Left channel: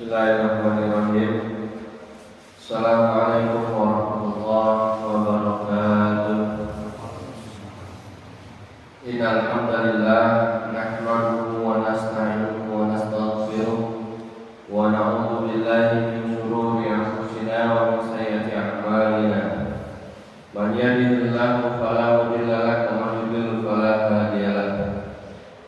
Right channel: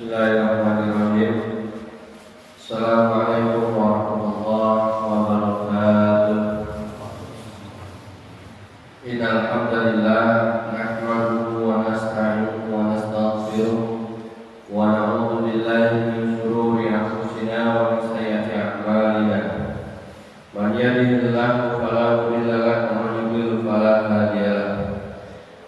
Bismillahirrahmanirrahim. Assalamualaikum warahmatullahi wabarakatuh. Innal hamdalillah nahmaduhu wa nasta'inuhu wa nastaghfiruh wa na'udzu billahi min shururi anfusina wa min sayyiati a'malina. Man yahdihillahu fala mudilla lahu wa man yudlil fala hadiya lahu.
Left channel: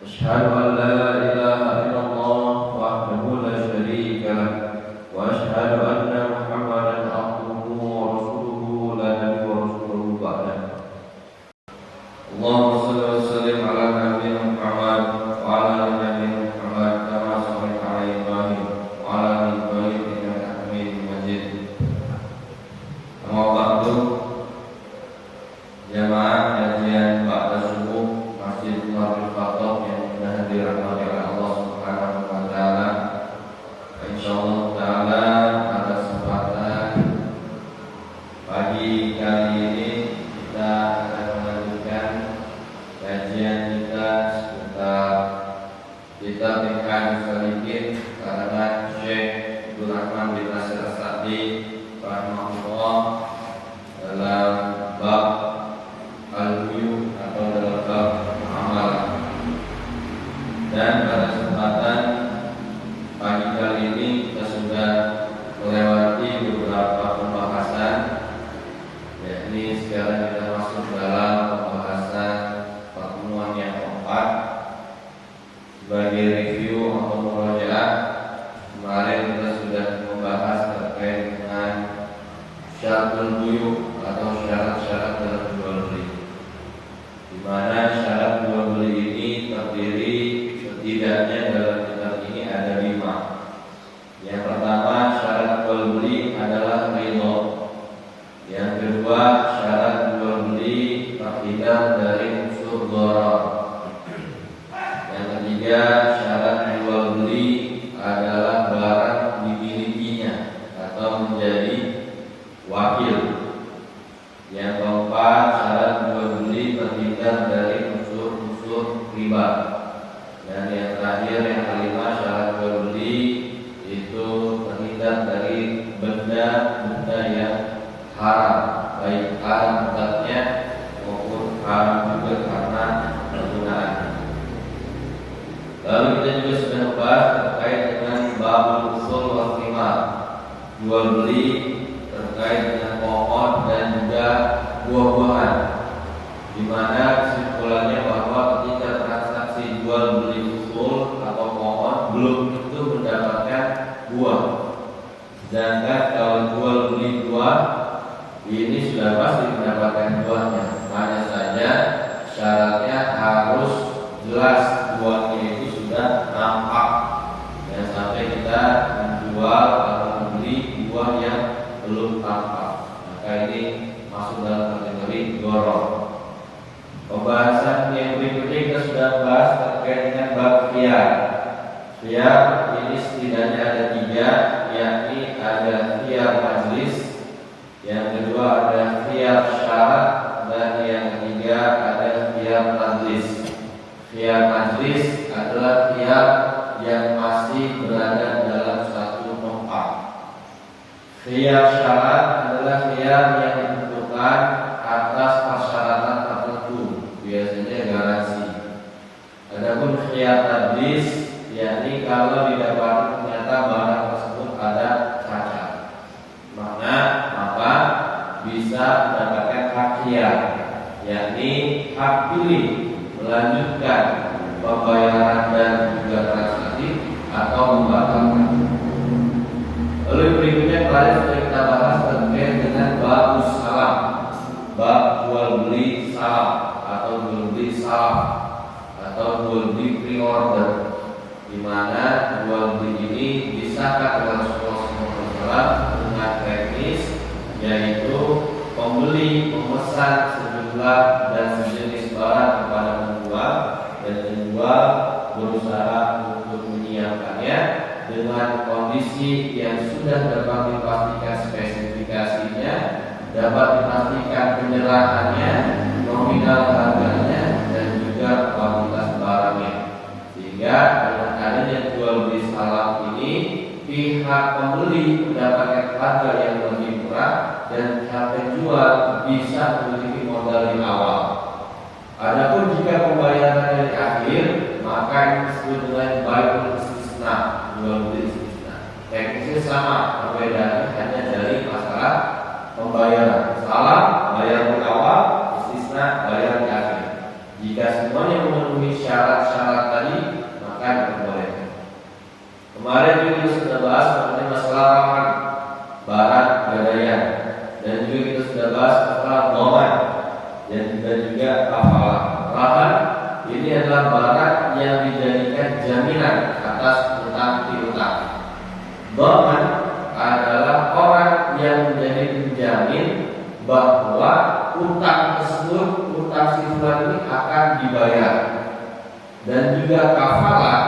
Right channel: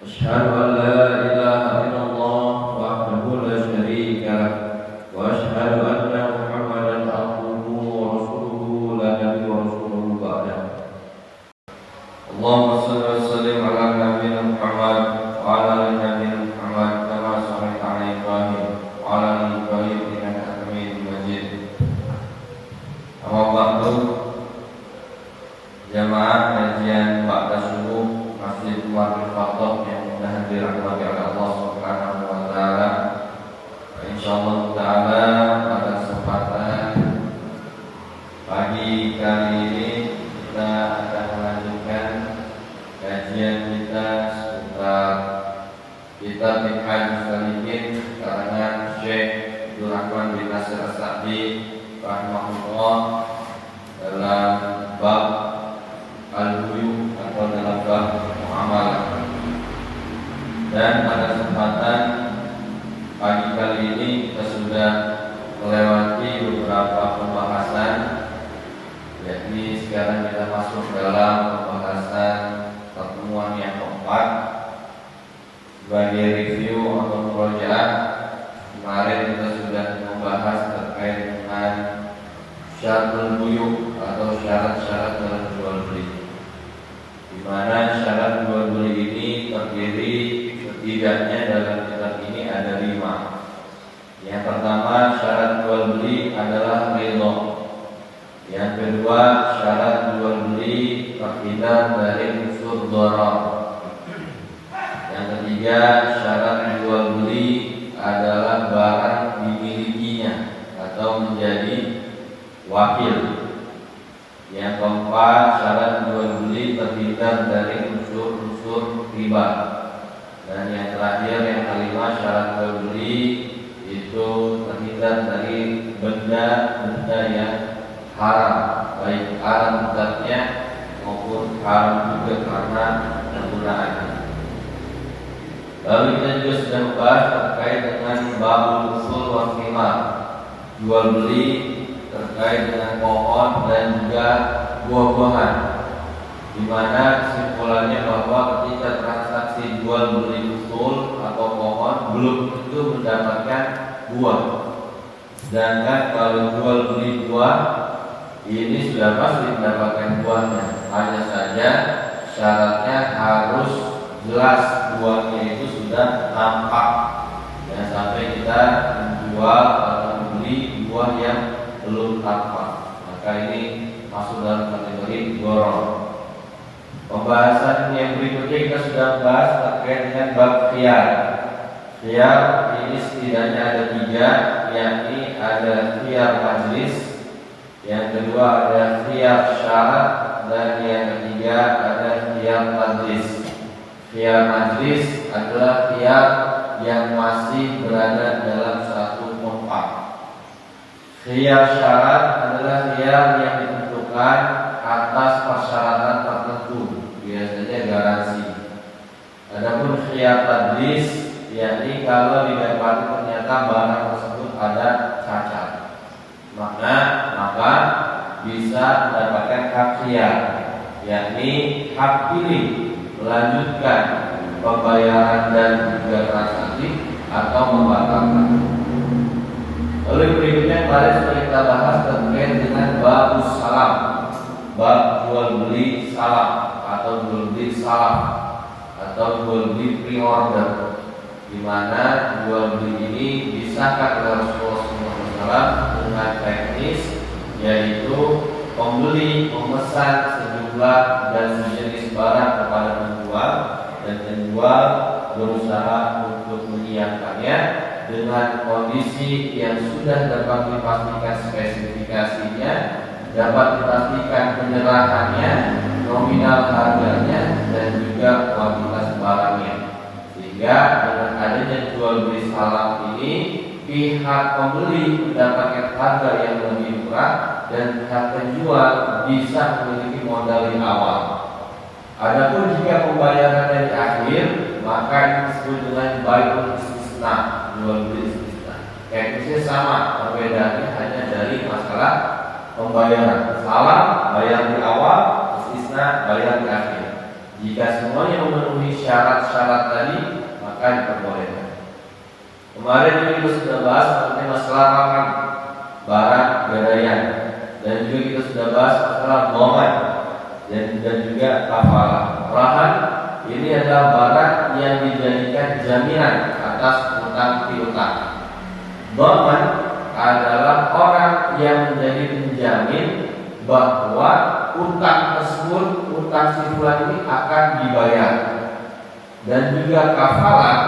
Asyhadu an la ilaha illallah wahdahu la syarika lahu wa asyhadu anna Muhammadan abduhu wa rasuluhu la nabiyya rasuluhu ba'dahu. Allahumma shalli wa sallim ala nabiyyina Muhammad wa ala ali nabiyyina Muhammad kama shallaita ala Ibrahim wa ala ali Ibrahim innaka Hamidum Majid. Amma ba'du. Jamaah kajian ba'da subuh Masjid Umar Fathah yang dirahmati oleh Allah Subhanahu wa taala. Insyaallah taala pada kesempatan pagi kali ini kita akan melanjutkan kajian kita seputar kitab Minhaj Salikin karangan Syekh Abdul Rahman bin Nasir As-Sa'di rahimahullah dalam bab al-buyu atau dalam bab muamalah. Dan pada kesempatan pagi kali ini kita sudah melewati beberapa pembahasan, yakni sekarang kita masuk dalam pembahasan pertemuan yang keempat. Sebagai review atau murojaah, kemarin kita sudah membahas terkait dengan syaratul buyu atau syarat-syarat dalam jual beli, di mana syarat jual beli ini terdiri setidaknya dalam kitab ini ada 5. Yang pertama, syarat jual beli adalah ridho. Yang kedua, syarat jual beli terhindar dari unsur dharar. Yang ketiga, syarat jual beli adalah barang dimilikinya atau menjadi wakil. Yang keempat, syarat jual beli terhindar dari unsur-unsur riba. Dan yang terakhir, yang kelima, syarat jual beli itu terhindar dari benda-benda yang haram, baik haram zatnya maupun haram juga karena penggunaan. Lalu kita juga sudah membahas terkait dengan babul usul wal thimar, jual beli terkait dengan pohon dan juga buah-buahan, di mana kesimpulannya bahwa ketika transaksi jual beli usul atau pohon belum tentu mendapatkan buah. Sedangkan kalau jual beli buah ini sudah pasti mendapatkan buahnya. Hanya saja syaratnya harus jelas buahnya itu sudah nampak, dan sampai kita menjual atau membeli buah yang belum tampak, maka ini masuk dalam kategori gharar. Pembahasan yang berikutnya kita sudah bahas terkait dengan bab khiyar. Khiyar ini setidaknya ada 3, yakni ada khiyar majlis, yang kedua ada khiyar syarat, dan yang ketiga ada khiyar tadlis. Khiyar majlis adalah khiyar yang masih berada dalam satu tempat. Khiyar syarat adalah khiyar yang ditentukan atas persyaratan tertentu, biasanya garansi. Adapun khiyar tadlis, yakni kalau didapati ternyata barang tersebut ada cacat, maka bisa mendapatkan hak khiyar, yakni hak pilih melanjutkan pembayaran dan juga transaksi atau membatalkan. Lalu berikutnya kemarin sudah kita bahas terkait dengan bab salam, bab jual beli salam atau jual beli salam atau jual beli pre-order, di mana jual beli ini disahkan oleh Rasulullah SAW dengan teknis, yaitu pembeli memesan sejumlah dan sejenis barang kepada penjual, dan penjual berusaha untuk menyiapkannya dengan kondisi yang sudah dapat dipastikan spesifikasinya, dapat dipastikan penyerahannya, nominal harganya, dan juga kualitas barangnya. Sehingga dengan adanya jual beli salam ini pihak pembeli mendapatkan harga yang lebih murah dan pihak penjual bisa memiliki modal di awal. Adapun jika pembayaran di akhir, maka ini disebut dengan bai'ul istisna, jual beli istisna. Teknisnya sama, perbedaannya hanya dari masalah pembayaran. Salah bayar di awal, istisna bayar di akhir. Jika semuanya memenuhi syarat-syarat tadi, maka diperbolehkan. Kemarin kita sudah bahas mengenai masalah rahan, barang gadaian, dan juga kita sudah bahas masalah dhaman dan juga kafalah. Rahan ini adalah barang yang dijadikan jaminan atas utang piutang. Dhaman adalah orang yang menjadi penjamin bahwa utang tersebut, utang si fulan ini akan dibayar. Dan juga kafalah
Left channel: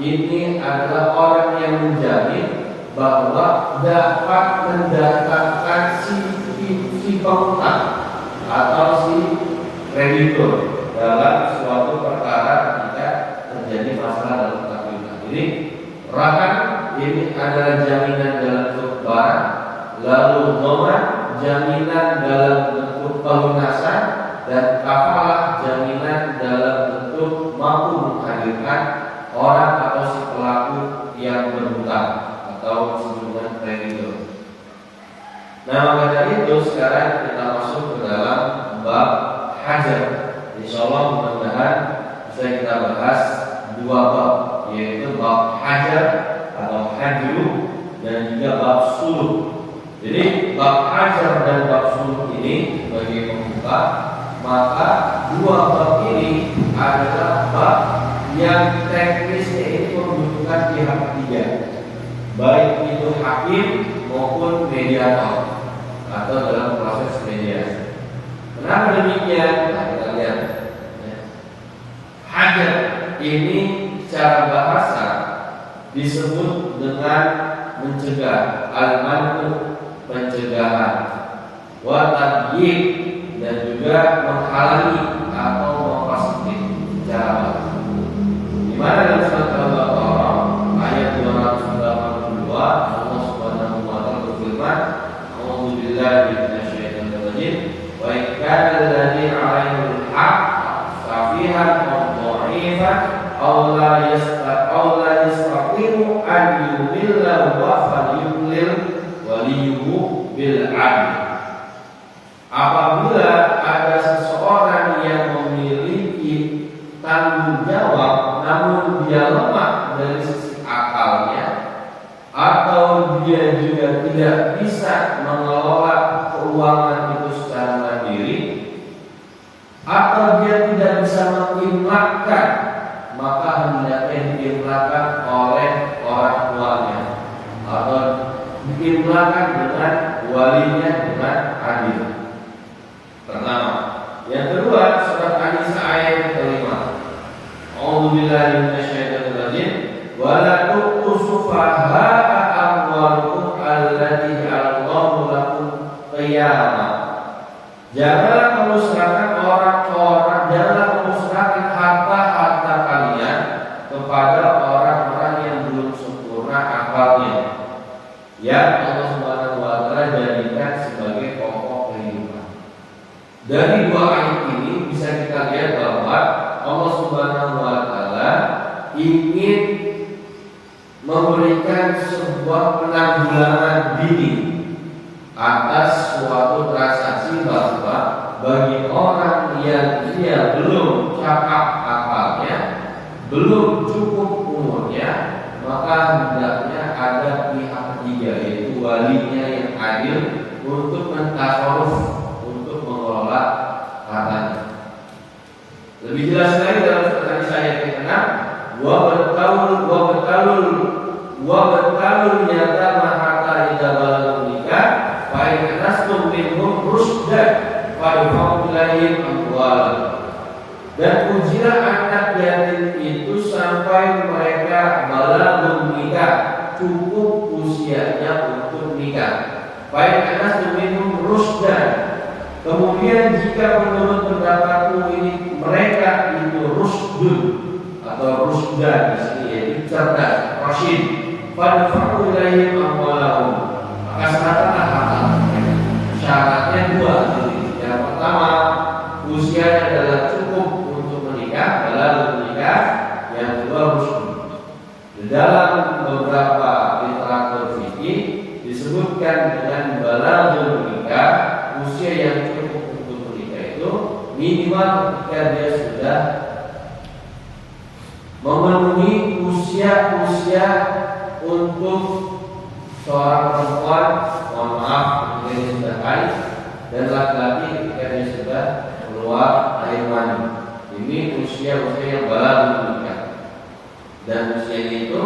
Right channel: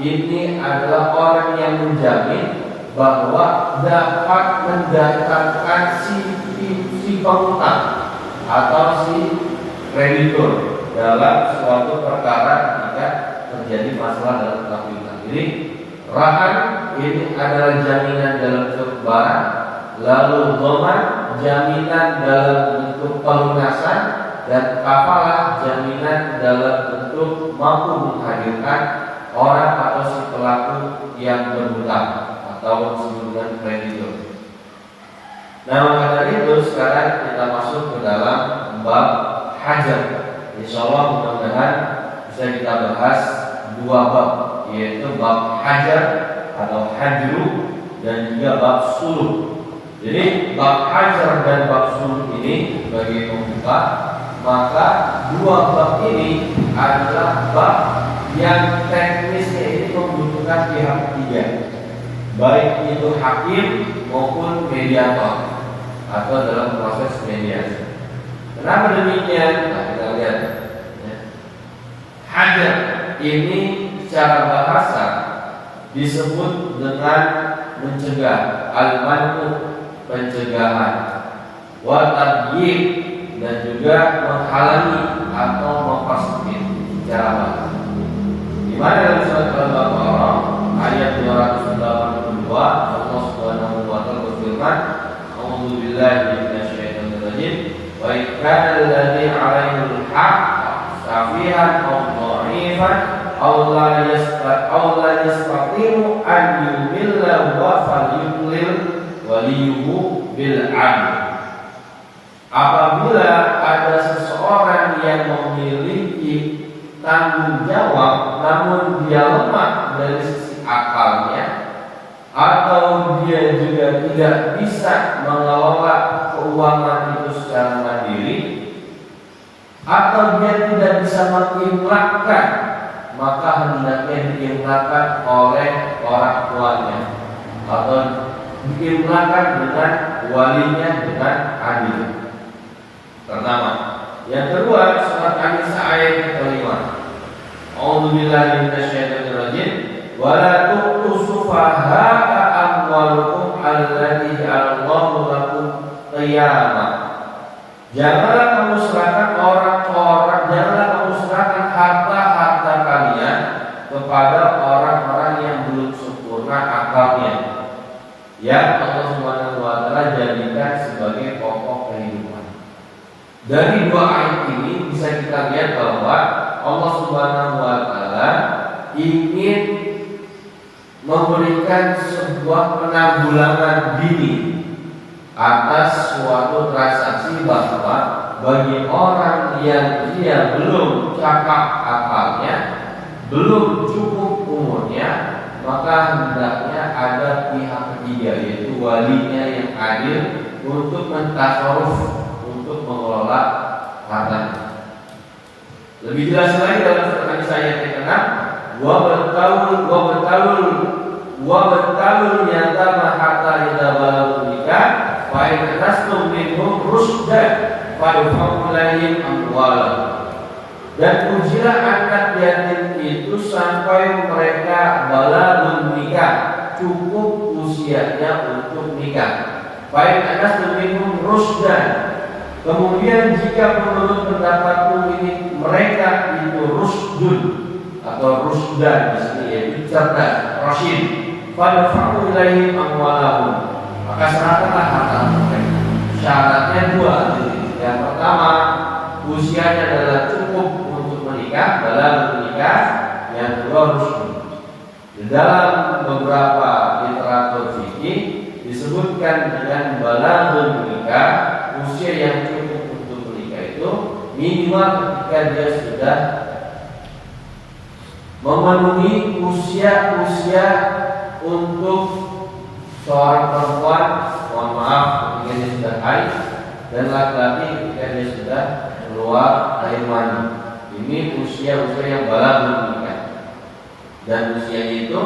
ini adalah orang yang menjamin bahwa dapat mendapatkan si pengutang atau si kreditur dalam suatu perkara jika terjadi masalah dalam utang piutang. Jadi rahan ini adalah jaminan dalam bentuk barang, lalu dhaman jaminan dalam bentuk pelunasan, dan kafalah jaminan dalam bentuk mampu menghadirkan orang atau si pelaku yang berhutang atau disebut kreditur. Nah, maka dari itu sekarang kita masuk ke dalam bab hajar. Insyaallah mudah-mudahan bisa kita bahas dua bab, yaitu bab hajar atau hajru dan juga bab suluh. Jadi bab hajar dan bab suluh ini bagi pembuka, maka dua bab ini adalah bab yang teknisnya ini membutuhkan pihak ketiga, baik itu hakim maupun mediator atau dalam proses mediasi. Kenapa demikian? Nah, kita lihat. Hajar ini secara bahasa disebut dengan mencegah, al-man'u, pencegahan, wa tabyid, dan juga menghalangi atau mempersempit secara bahasa. Di mana dalam surat Al-Baqarah ayat 282 Allah Subhanahu wa taala berfirman, "A'udzu billahi minasyaitonir rajim. Wa in kana alladzi 'alaihi al-haq safihan aw dha'ifan aw la yastati'u an yumilla wa falyumlil waliyuhu bil 'adl." Apabila ada seseorang yang memiliki tanggung jawab namun dia lemah dari sisi akalnya, atau dia juga tidak bisa mengelola keuangan itu secara mandiri, atau dia tidak bisa mengimlakkan, maka hendaknya diimlakkan oleh orang tuanya atau diimlakkan dengan walinya dengan adil. Pertama. Yang kedua, surat An-Nisa ayat yang kelima. A'udzu billahi minasyaitonir rajim. Wa la tu'tu sufaha'a amwalakum allati ja'alallahu lakum qiyamah. Janganlah kamu serahkan janganlah kamu serahkan harta-harta kalian kepada orang-orang yang belum sempurna akalnya, yang Allah Subhanahu wa taala jadikan sebagai pokok kehidupan. Dari dua ayat ini bisa kita lihat bahwa Allah Subhanahu wa taala ingin memberikan sebuah penanggulangan dini atas suatu transaksi, bahwa bagi orang yang dia belum cakap akalnya, belum cukup umurnya, maka hendaknya ada pihak ketiga, yaitu walinya yang adil untuk mentasarruf, untuk mengelola hartanya. Lebih jelas lagi dalam surat An-Nisa ayat yang ke-6, wa batalul yatama hatta idza balagu nikah fa in anastum minhum rusdan fadfa'u ilaihim amwalahum. Dan ujilah anak yatim itu sampai mereka balagu nikah, cukup usianya untuk nikah. Fa in anastum minhum rusdan. Kemudian jika menurut pendapatku ini mereka itu rusdun atau rusdan di sini, yaitu cerdas, rasyid, fadfa'u ilaihim amwalahum, maka serahkanlah harta mereka. Syaratnya dua. Yang pertama, usianya adalah cukup untuk menikah, balagh menikah. Yang kedua, rusyd. Di dalam beberapa literatur fikih disebutkan dengan balagh menikah, usia yang cukup untuk menikah itu minimal ketika dia sudah memenuhi usia untuk seorang perempuan, mohon maaf, ketika dia sudah haid, dan laki-laki ketika dia sudah keluar air mani. Ini usia-usia yang balagh menikah. Dan usia itu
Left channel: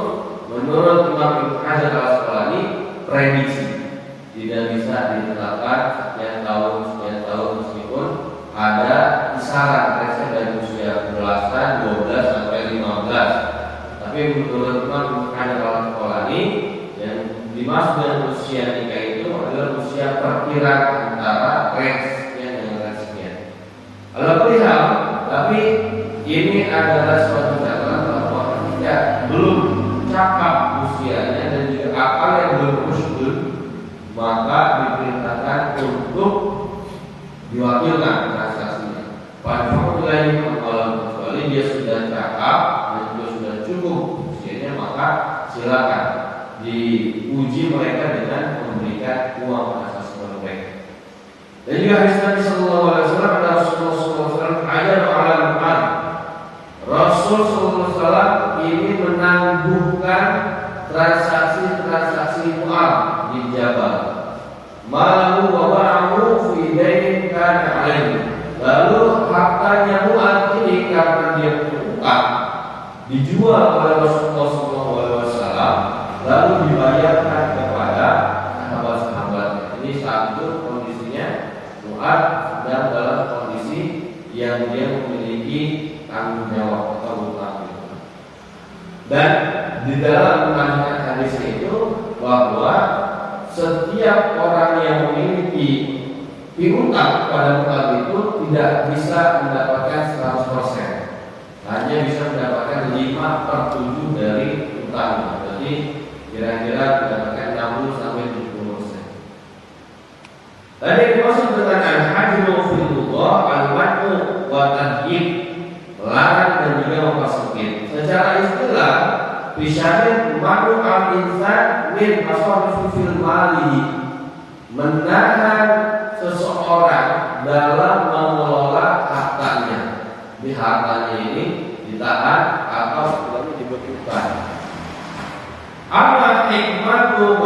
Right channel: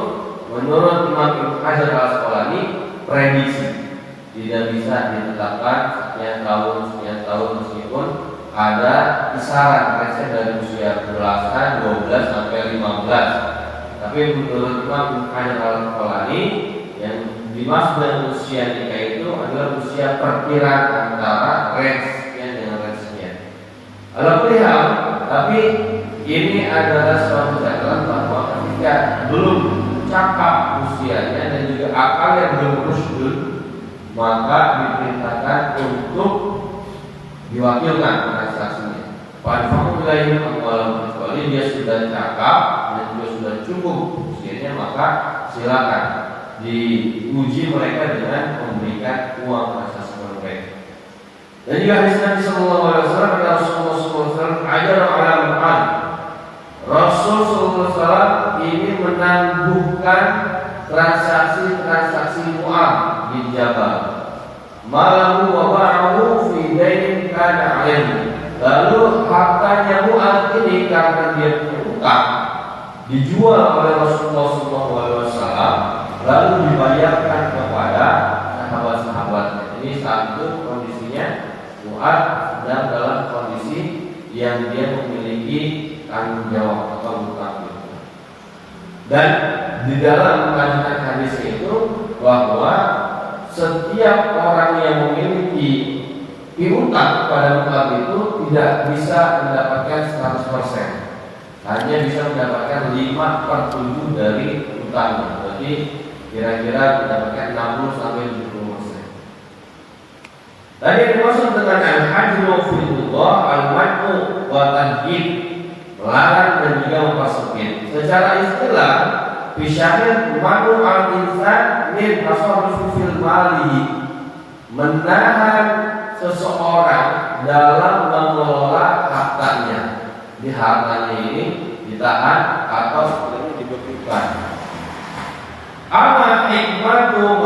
menurut Imam Ibnu Hajar Al-Asqalani prediksi, tidak bisa ditetapkan sekian tahun meskipun ada kisaran dari usia belasan, 12 sampai 15. Tapi menurut Imam Ibnu Hajar Al-Asqalani yang dimaksud dengan usia nikah itu adalah usia perkiraan antara range sekian dengan range sekian. Alhamdulillah, tapi ini adalah suatu catatan bahwa ketika belum cakap usianya dan juga akal yang belum rusyd, maka diperintahkan untuk diwakilkan transaksinya. Fadfa'u ilaihim amwalahum, kecuali dia sudah cakap dan juga sudah cukup usianya, maka silakan diuji mereka dengan memberikan uang transaksi mereka. Dan juga hadis Nabi sallallahu alaihi wasallam, ada Rasulullah sallallahu alaihi wasallam ajar ala Mu'ad. Rasul sallallahu alaihi wasallam ini menangguhkan transaksi Mu'ad di Jabal. Malahu wa ba'ahu fi dainin kana alaihi. Lalu hartanya Mu'ad ini karena dia berutang dijual oleh Rasulullah sallallahu alaihi wasallam, lalu dibayarkan kepada sahabat-sahabat. Ini saat itu kondisinya Mu'ad sedang dalam kondisi yang dia memiliki tanggung jawab atau hutang. Dan di dalam kandungan hadis itu bahwa setiap orang yang memiliki piutang pada Mu'ad itu tidak bisa mendapatkan 100%, hanya bisa mendapatkan 5/7 dari utang. Jadi kira-kira mendapatkan 60 sampai 70%. Tadi dimaksud dengan al-hajru filullah al-man'u wa tadjid, melarang dan juga mempersempit. Secara istilah bisyahid man'u al-insan min tasarruf fil mali, menahan seseorang dalam mengelola hartanya. Di hartanya ini ditahan atau sebenarnya dibekukan. Amma hikmatu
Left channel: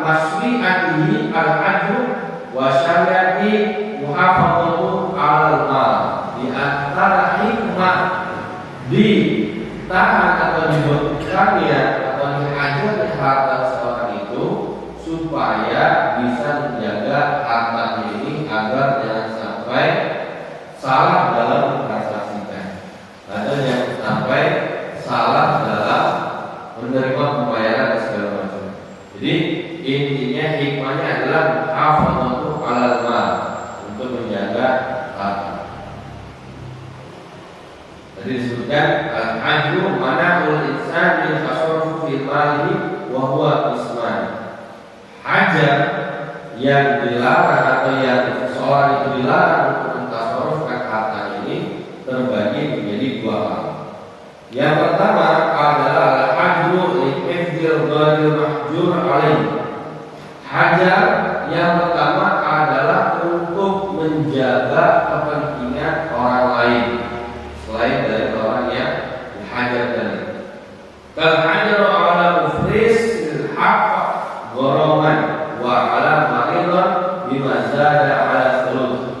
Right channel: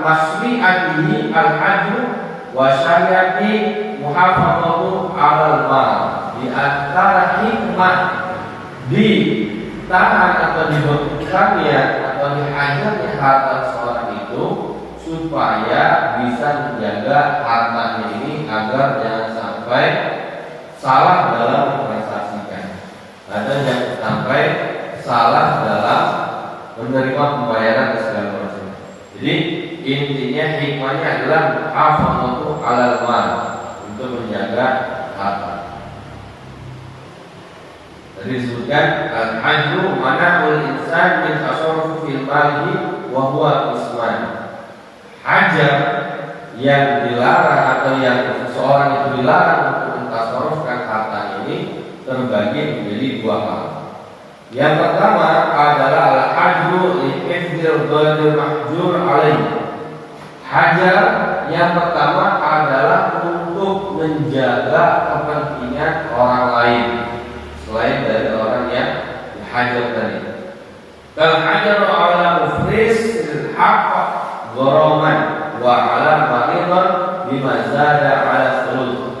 masri'atihi al-ajru wa syariati muhafadzatu 'alal mal. Di antara hikmah ditahan atau dibekukannya atau dihajarnya harta seorang itu supaya bisa menjaga hartanya ini agar jangan sampai salah dalam mentransaksikan, ada yang sampai salah dalam menerima pembayaran dan segala macam. Jadi intinya hikmahnya adalah muhafadzatu 'alal mal, untuk menjaga harta. Tadi disebutkan al-ajru mana'ul insan min tasarruf fil mali wa huwa isman. Hajar yang dilarang atau yang seseorang itu dilarang untuk mentasarrufkan harta ini terbagi menjadi dua hal. Yang pertama adalah al-ajru li hifdzil ghairi mahjur alaih. Hajar yang pertama adalah untuk menjaga kepentingan orang lain selain dari orang yang dihajar tadi. Kal hajaru ala muflis bil haqq gharaman wa ala maridon bima zada ala thuluth.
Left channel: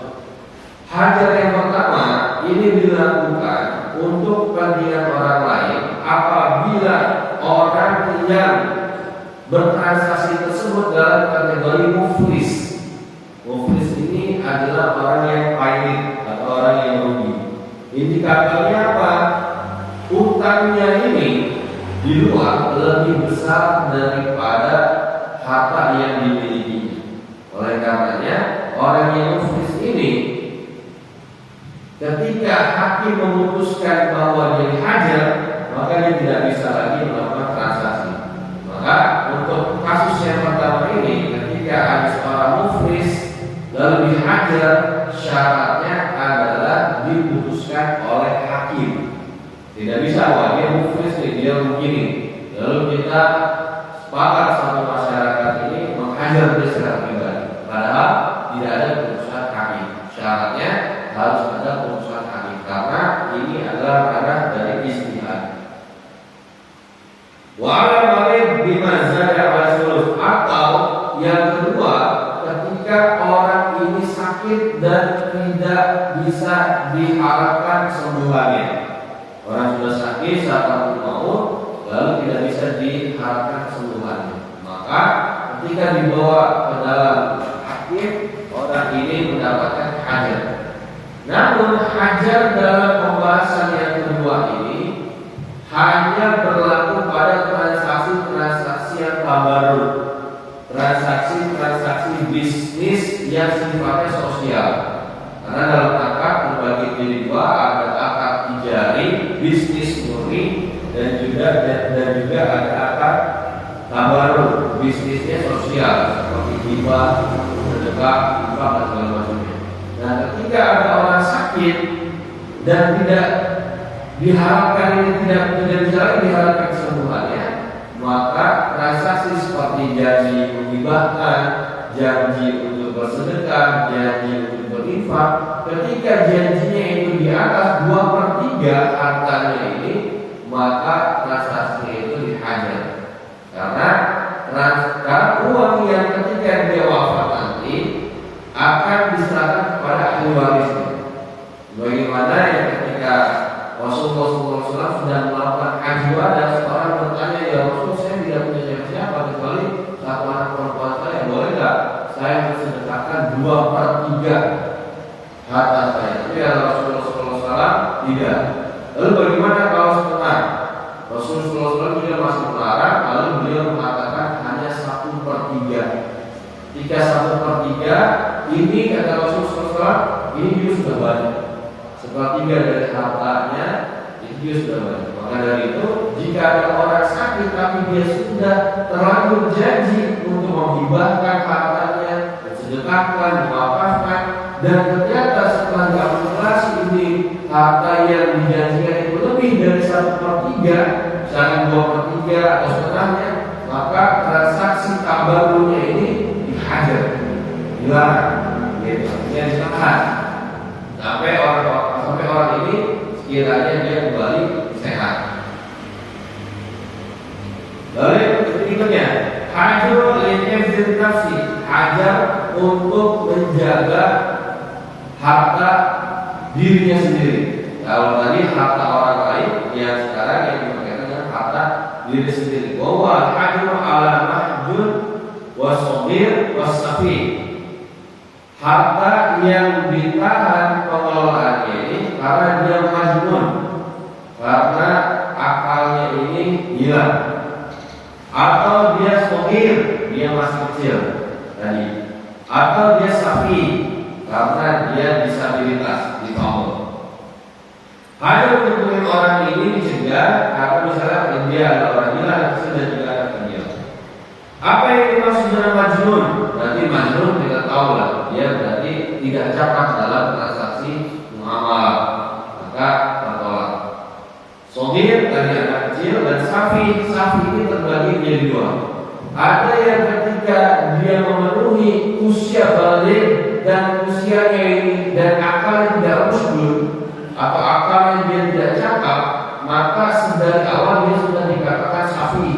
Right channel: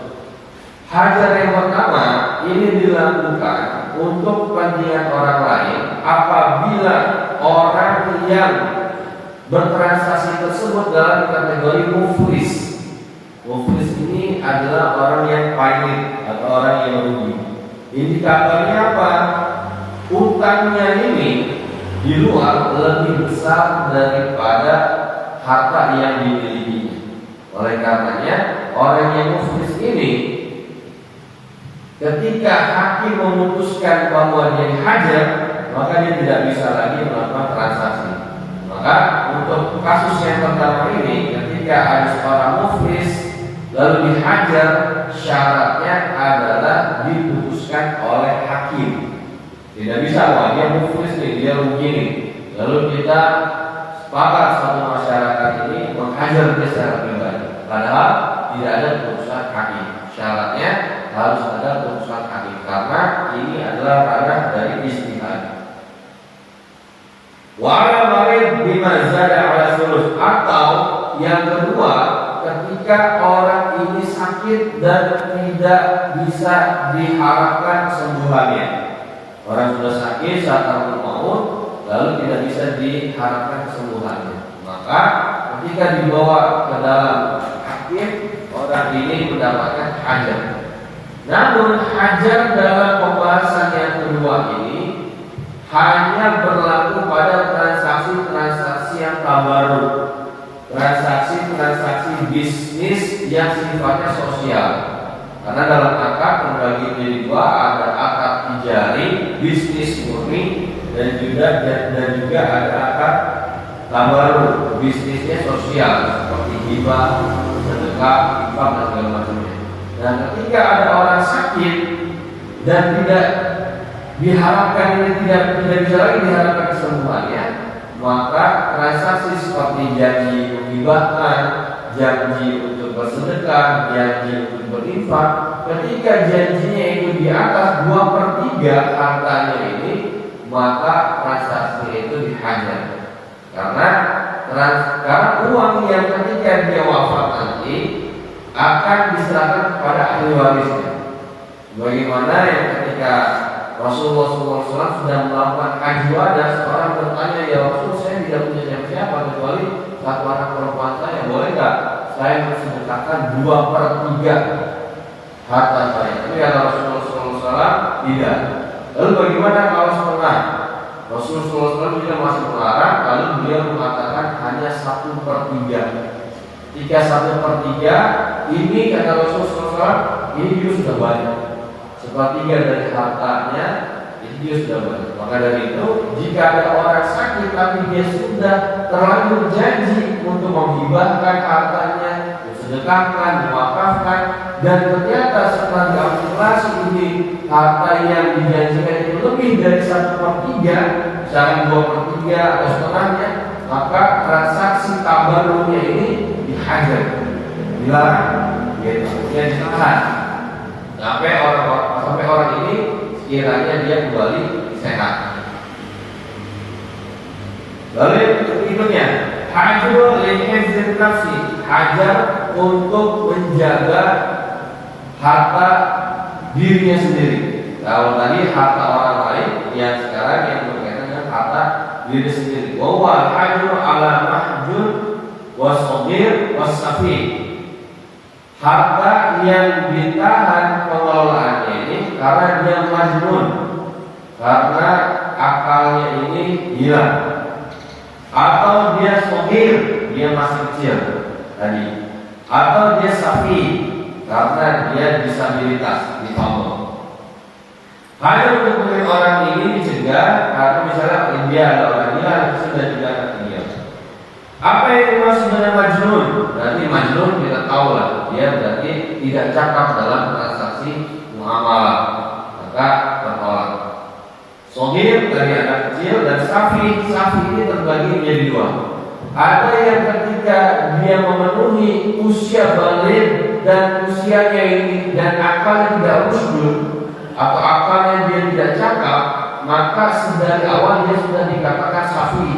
Hajar yang pertama ini dilakukan untuk kepentingan orang lain apabila orang yang bertransaksi tersebut dalam kategori muflis. Muflis ini adalah orang yang pailit atau orang yang rugi. Indikatornya apa? Utangnya ini di luar lebih besar daripada harta yang dimiliki. Oleh karenanya orang yang muflis ini ketika hakim memutuskan bahwa dia dihajar, maka dia tidak bisa lagi melakukan transaksi. Maka untuk kasus yang pertama ini, ketika ada seorang muflis lalu dihajar, syaratnya adalah diputuskan oleh hakim. Tidak bisa bahwa dia muflis nih, dia begini, lalu kita sepakat satu masyarakat ini menghajar dia secara pribadi, padahal tidak ada putusan hakim. Syaratnya harus ada putusan hakim karena ini adalah ranah dari ijtihad. Wa ala marid bima zada ala sulus, atau yang kedua, ketika orang ini sakit dan tidak bisa diharapkan kesembuhannya. Orang sudah sakit saat takut maut, lalu tidak bisa diharapkan kesembuhannya. Maka ketika dibawa ke dalam hakim, orang ini mendapatkan hajar. Namun hajar dalam pembahasan yang kedua ini hanya berlaku pada transaksi-transaksi yang baru, transaksi-transaksi bisnis yang sifatnya sosial. Karena dalam akad terbagi menjadi dua, ada akad tijari, bisnis murni, dan juga ada akad tabarur, bisnisnya sosial seperti hibah, sedekah, infak dan segala macamnya. Dan ketika ada orang sakit dan tidak diharapkan ini tidak bisa lagi diharapkan kesembuhannya, maka transaksi seperti janji menghibahkan, janji untuk bersedekah, janji untuk berinfak, ketika janjinya itu di atas 2/3 hartanya ini, maka transaksi itu dihajar. Karena uang yang ketika dia wafat nanti akan diserahkan kepada ahli warisnya. Bagaimana yang ketika Rasulullah SAW sudah melakukan haji wada, seorang bertanya, ya Rasul, saya tidak punya siapa-siapa kecuali satu anak perempuan saya, boleh nggak saya mensedekahkan 2/3 harta saya? Itu ya Rasulullah SAW tidak. Lalu bagaimana kalau setengah? Rasulullah SAW tidak masuk melarang, lalu beliau mengatakan hanya 1/3. Jika 1/3 ini kata Rasulullah SAW, ini juga sudah banyak. 1/3 dari hartanya itu dia sudah banyak. Maka dari itu, jika ada orang sakit tapi dia sudah terlanjur janji untuk menghibahkan hartanya, disedekahkan, diwakafkan, dan ternyata setelah diakumulasi ini harta yang dijanjikan itu lebih dari 1/3, misalkan 2/3 atau setengahnya, maka transaksi tabarurnya ini dihajar, dilarang, gitu, artinya ditahan sampai orang ini sekiranya dia kembali sehat. Lalu yang berikutnya, hajar lihifdzil nafsi, hajar untuk menjaga harta dirinya sendiri. Kalau tadi harta orang lain, yang sekarang yang berkaitan dengan harta diri sendiri. Bahwa hajar ala mahjur wasogir wasafi, harta yang ditahan pengelolaannya ini karena dia majnun, karena akalnya ini hilang, atau dia sogir, dia masih kecil tadi, atau dia safi, karena dia disabilitas, difabel. Hanya untuk orang ini dicegah karena misalnya dia adalah orang gila, sudah juga ada dia. Apa yang dimaksud dengan majnun? Berarti majnun kita tahu lah, dia berarti tidak cakap dalam transaksi muamalah, maka tertolak. Sogir dari anak kecil, dan safi ini terbagi menjadi dua. Ada yang ketika dia memenuhi usia balik dan usianya ini dan akalnya tidak usdur atau akalnya dia tidak cakap, maka dari awal dia sudah dikatakan safi,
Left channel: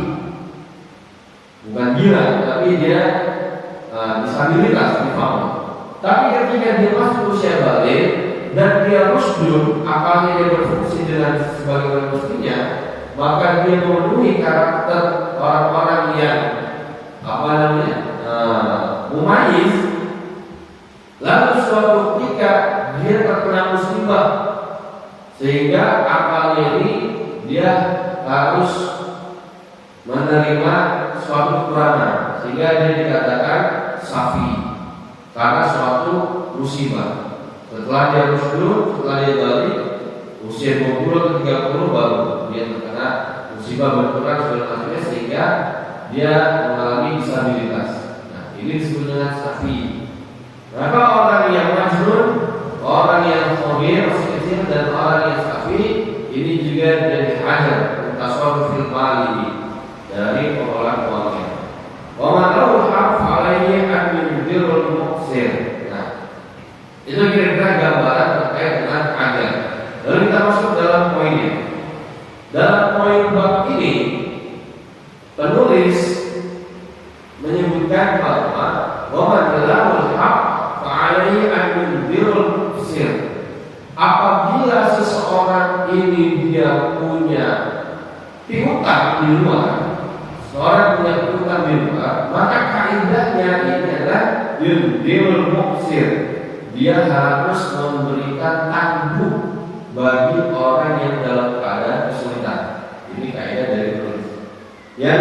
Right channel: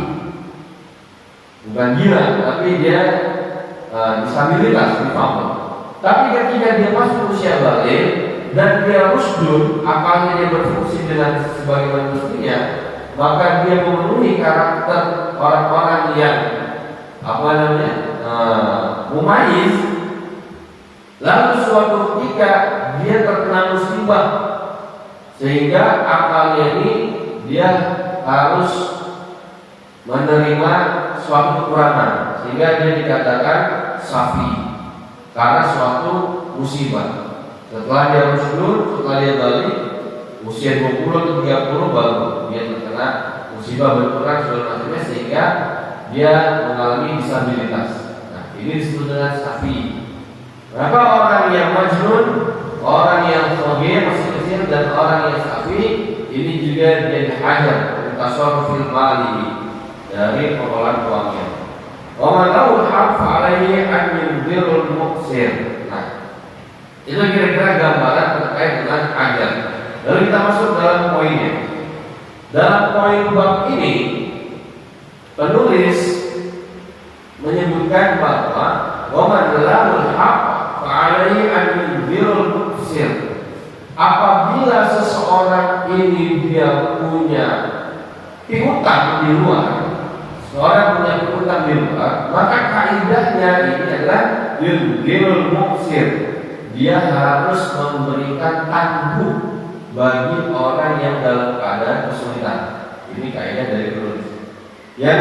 bukan gila, tapi dia disabilitas, difabel. Tapi ketika dia masuk usia balik dan dia usdur, akalnya dia berfungsi dengan sebagaimana mestinya, maka dia memenuhi karakter orang-orang yang mumayyiz. Lalu suatu ketika dia terkena musibah sehingga akalnya ini dia harus menerima suatu kekurangan, sehingga dia dikatakan safi karena suatu musibah. Setelah dia musdur, setelah dia balik, usia 20 30 baru dia terkena musibah benturan segala macamnya sehingga dia mengalami disabilitas. Nah, ini disebut dengan safi. Maka orang yang majnun, orang yang sogir masih kecil dan orang yang safi ini juga jadi hajar tasawuf fil mali dari pengelolaan keuangan. Wa man lahu haq alaihi an yudhirul muqsir. Nah, itu kira-kira gambaran terkait dengan hajar. Lalu kita masuk dalam poinnya. Dalam poin bab ini penulis menyebutkan bahwa wa man lahu haq alaihi an yudhirul muqsir. Apabila seseorang ini dia punya piutang di luar, seorang punya piutang di luar, maka kaidahnya ini adalah yudhirul muqsir. Dia harus memberikan tangguh bagi orang yang dalam keadaan kesulitan. Ini kaidah dari penulis. Yang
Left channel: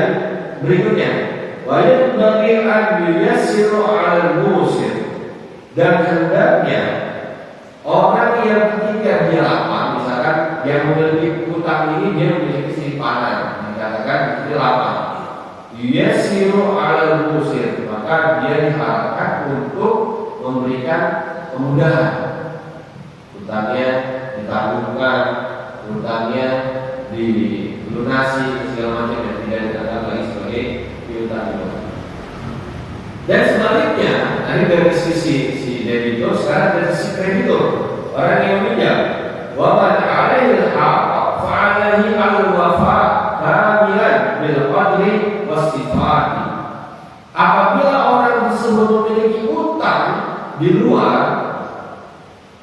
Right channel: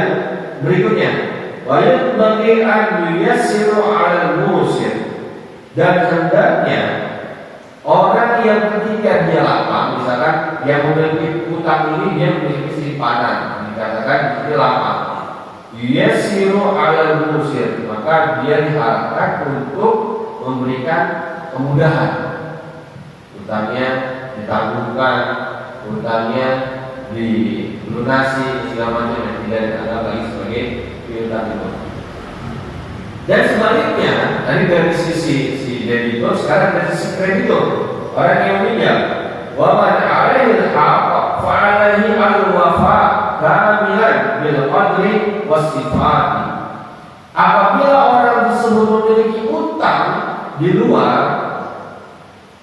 berikutnya, wa yanbaghi an yuyassiru 'alal musir. Dan hendaknya orang yang ketika dia lapang, misalkan yang memiliki utang ini dia memiliki simpanan, dikatakan dia lapang. Yuyassiru 'alal musir, maka dia diharapkan untuk memberikan kemudahan. Utangnya ditangguhkan, utangnya dilunasi segala macam yang tidak dianggap lagi sebagai piutang itu. Dan sebaliknya, dari sisi si debitur, sekarang dari sisi kreditur, orang yang minjam, wa man 'alaihi al-haq fa 'alaihi al-wafa kamilan bil qadri was sifati. Apabila orang tersebut memiliki utang di luar,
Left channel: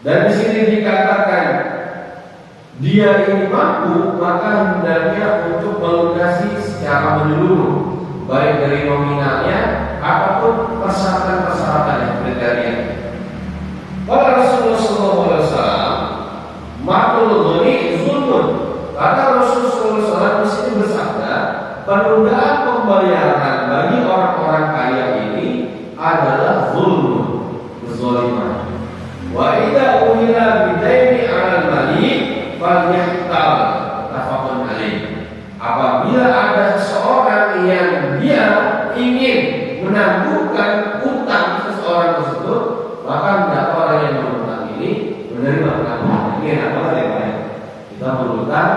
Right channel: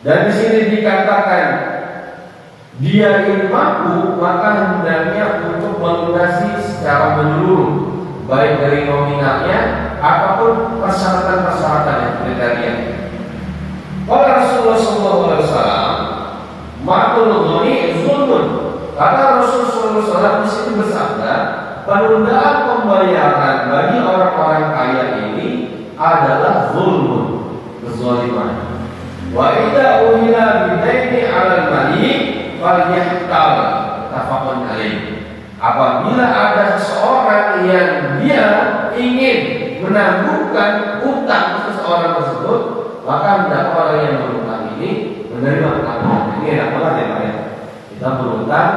dan di sini dikatakan dia ini mampu, maka hendaknya untuk melunasi secara menyeluruh, baik dari nominalnya apapun persyaratan-persyaratan yang kriteria. Kalau Rasulullah SAW, makul dhoni zulmun. Karena Rasulullah SAW di sini bersabda, penundaan pembayaran bagi orang-orang kaya ini adalah zulmun, kezaliman. Wa idza uhila bidaini 'alal malik falyahtal tafaqun alaih. Apabila ada seseorang yang dia ingin menangguhkan utang seseorang tersebut, maka hendaknya orang yang berutang ini menerima tanggungan. Ini apa ya Pak? Kita berutang,